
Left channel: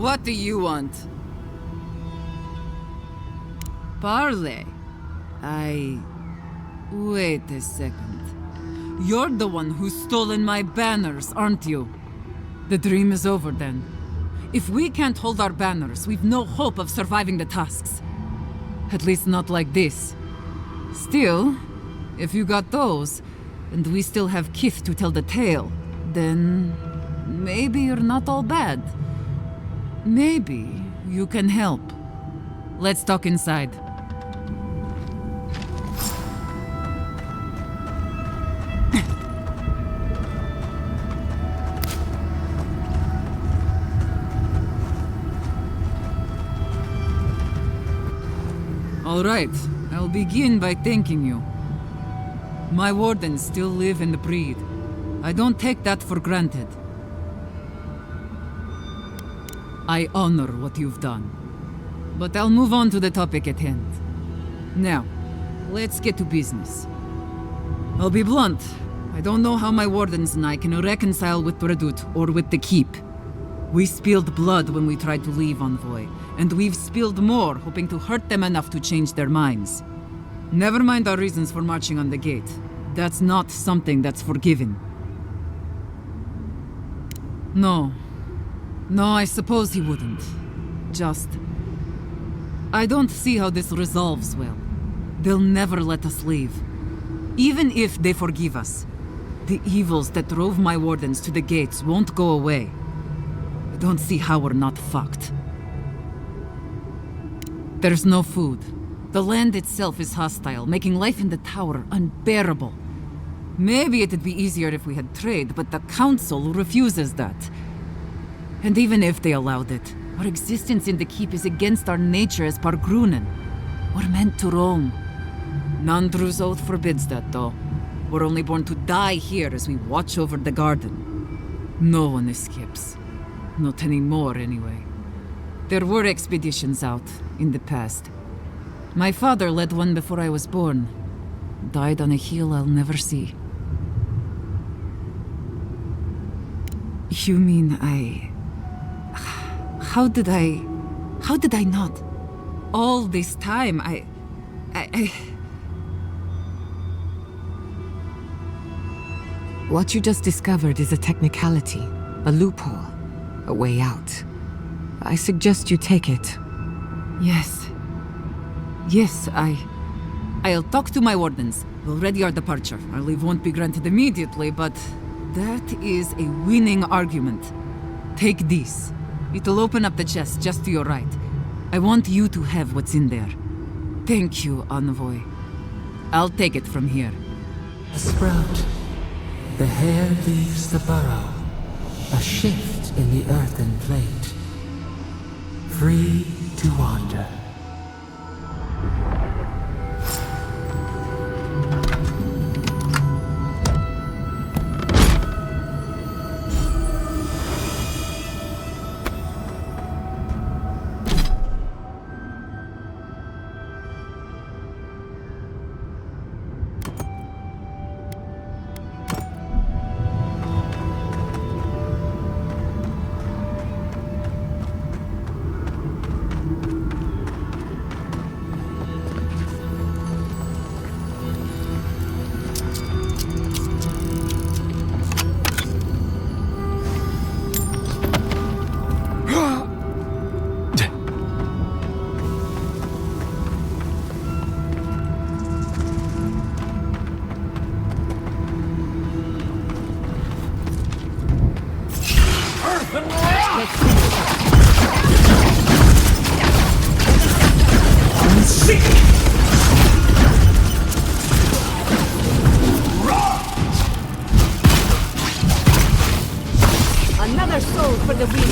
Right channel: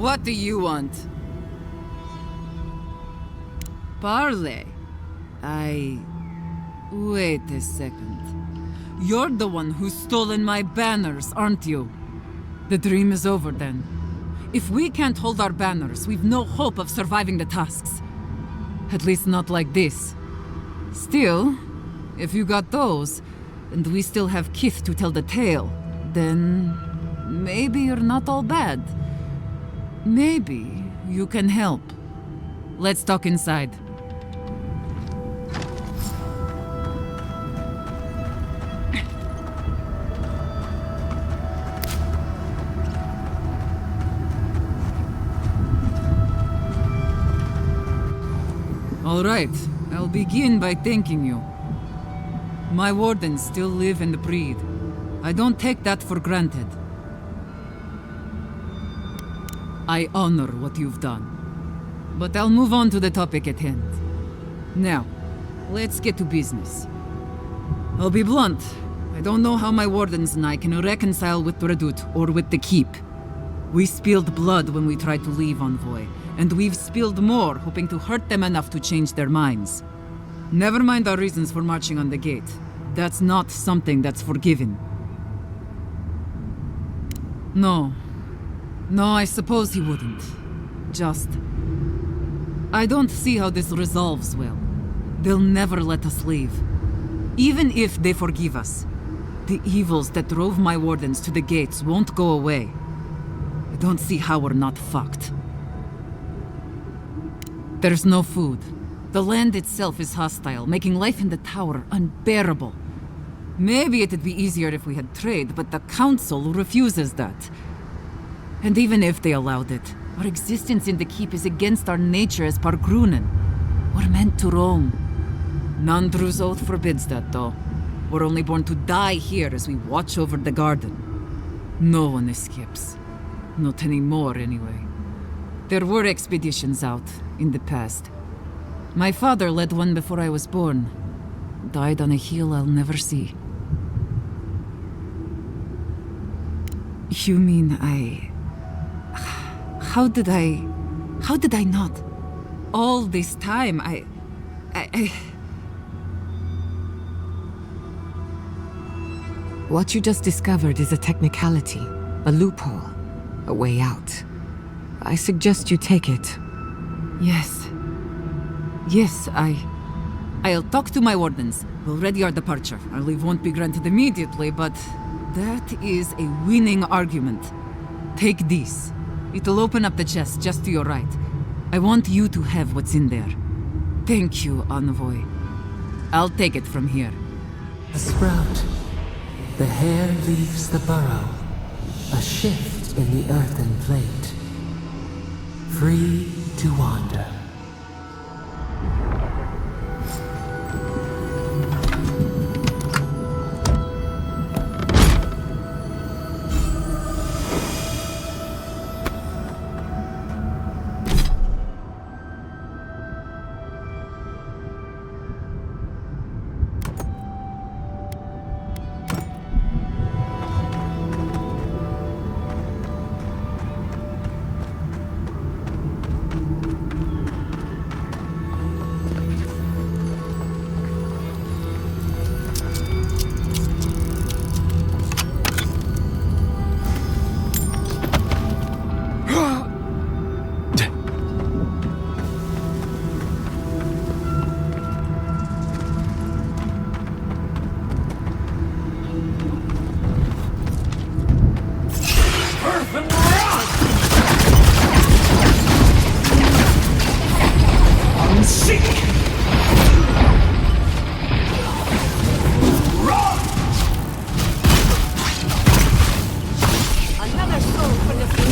What do you want? Parley? Wait a second. You're the one who's stolen my banners, aren't you? The dream is over then. If we can't hold our banners, we've no hope of surviving the tasks. At least not like this. Still, if you got those, and we still have kith to tell the tale, then maybe you're not all bad. Maybe you can help. Let's talk inside. All right, I'll begin by thanking you. My Wardens still live and breathe. I don't take that for granted. I honor what you've done. But I'll move on to the topic at hand. Now, let's get to business. I'll be blunt. I don't know how my Wardens and I can reconcile with Radut or with the Keep. We spilled blood when we tried to leave Envoy, and we've spilled more hoping to hurt them enough to change their minds. Never mind our reasons for marching on the gate. That's not something that's forgiven. No, I suppose he wouldn't. I don't see how this resolves well. They'll never let us leave. Even if they forgive us, the evils that drove my Wardens to the gates won't go away. I don't see how we're not fucked. There's no food. The land itself is hostile, making life in the tower unbearable. Maybe it'd be easier if we had trade, but the council refuses that. And even if they allowed it, our existence in the keep is against our nature as Pargrunen. We're meant to roam. Nandru's oath forbids that, though. We're only born to die here as we watch over the garden. No one escapes. Not anymore, anyway. There were expeditions out, in the past. My father led one before I was born. Died on a hill I'll never see. You mean How did I not? All this time, What you just discovered is a technicality, a loophole, a way out. I suggest you take it. Yes, I'll talk to my Wardens. We'll ready our departure. Our leave won't be granted immediately, but that is a winning argument. Take this. It'll open up the chest just to your right. I want you to have what's in there. Thank you, Envoy. I'll take it from here. A sprout. The hare leaves the burrow. A shift in the earthen plate. Free to wander. Another soul for the wheel.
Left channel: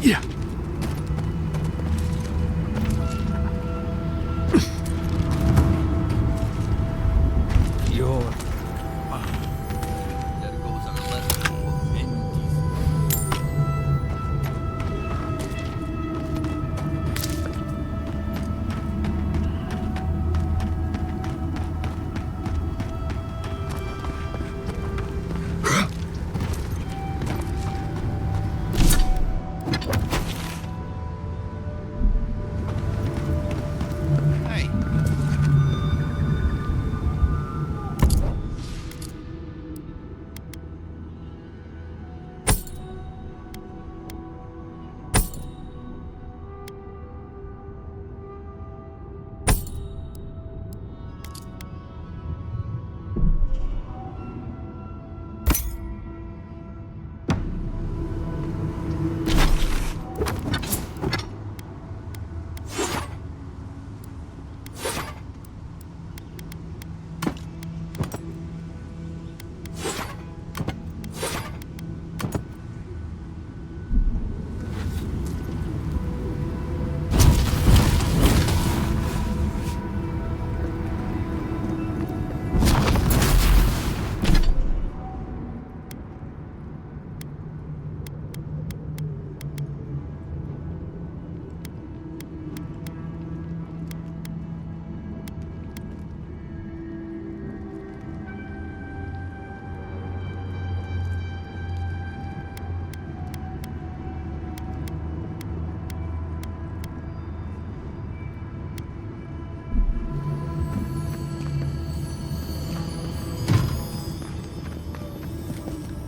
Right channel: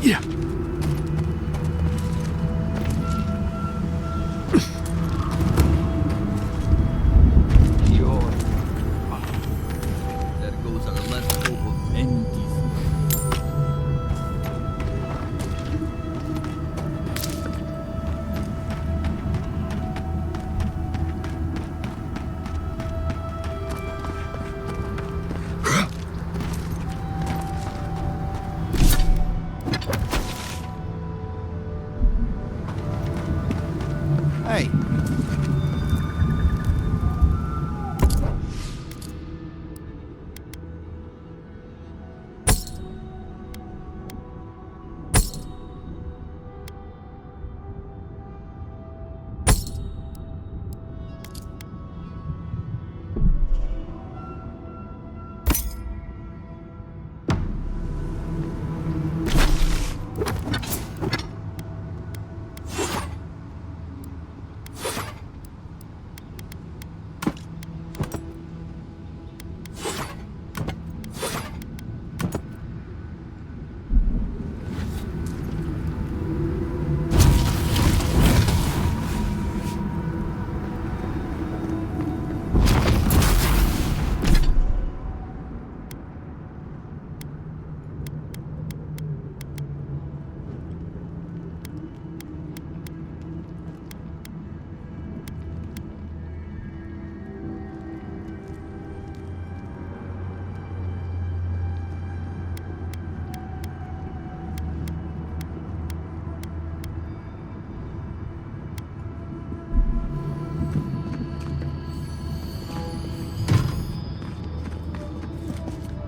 Yeah. There goes our last hope of any decency. Hey.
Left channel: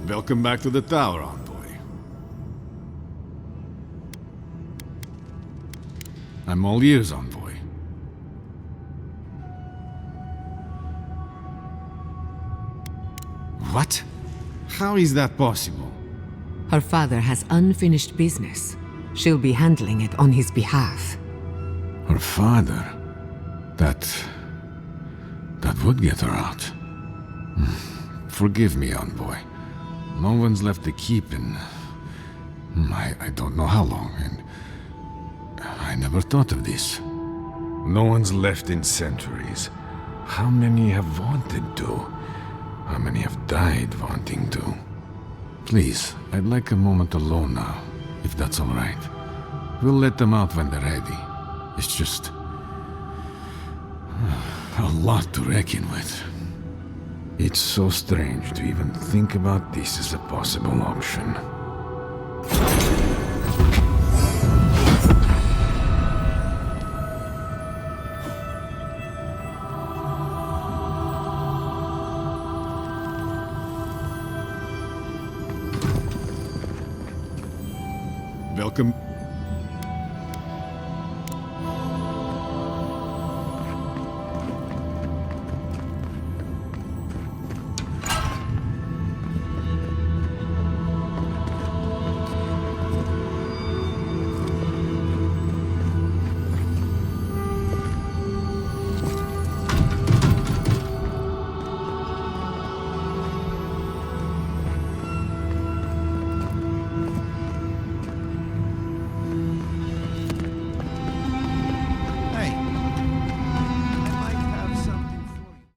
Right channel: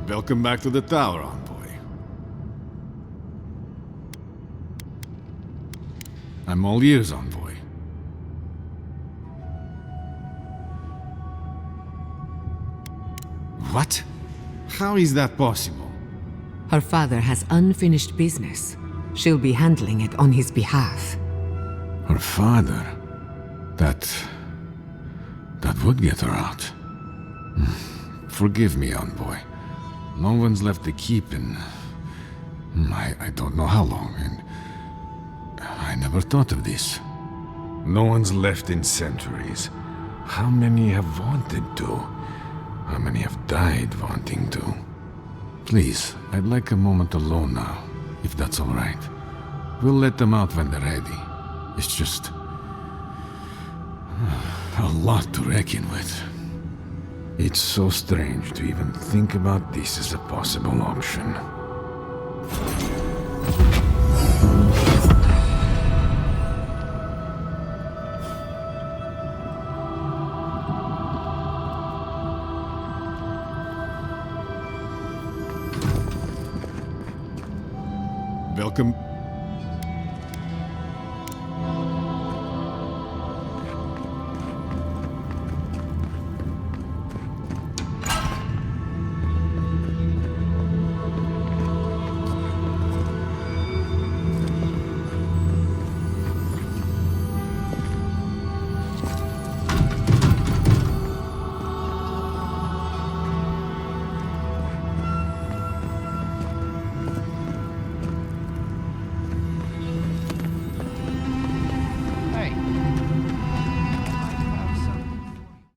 Welcome back to the tower, envoy. I'm all ears, envoy. What? How is that possible? Her father has unfinished business. She'll be handling it on his behalf. Her father? That would get her out. Forgive me, envoy. No one's left the keep in... I don't know how long, and... I never thought of this. No one's left in centuries. How many have wanted to? How many have died wanting to? Please, I'd like a moment alone now, if that's all right. We'll let them out when they're ready. It's just... a lot to reckon with. It's so strange to even think about this as a possible option.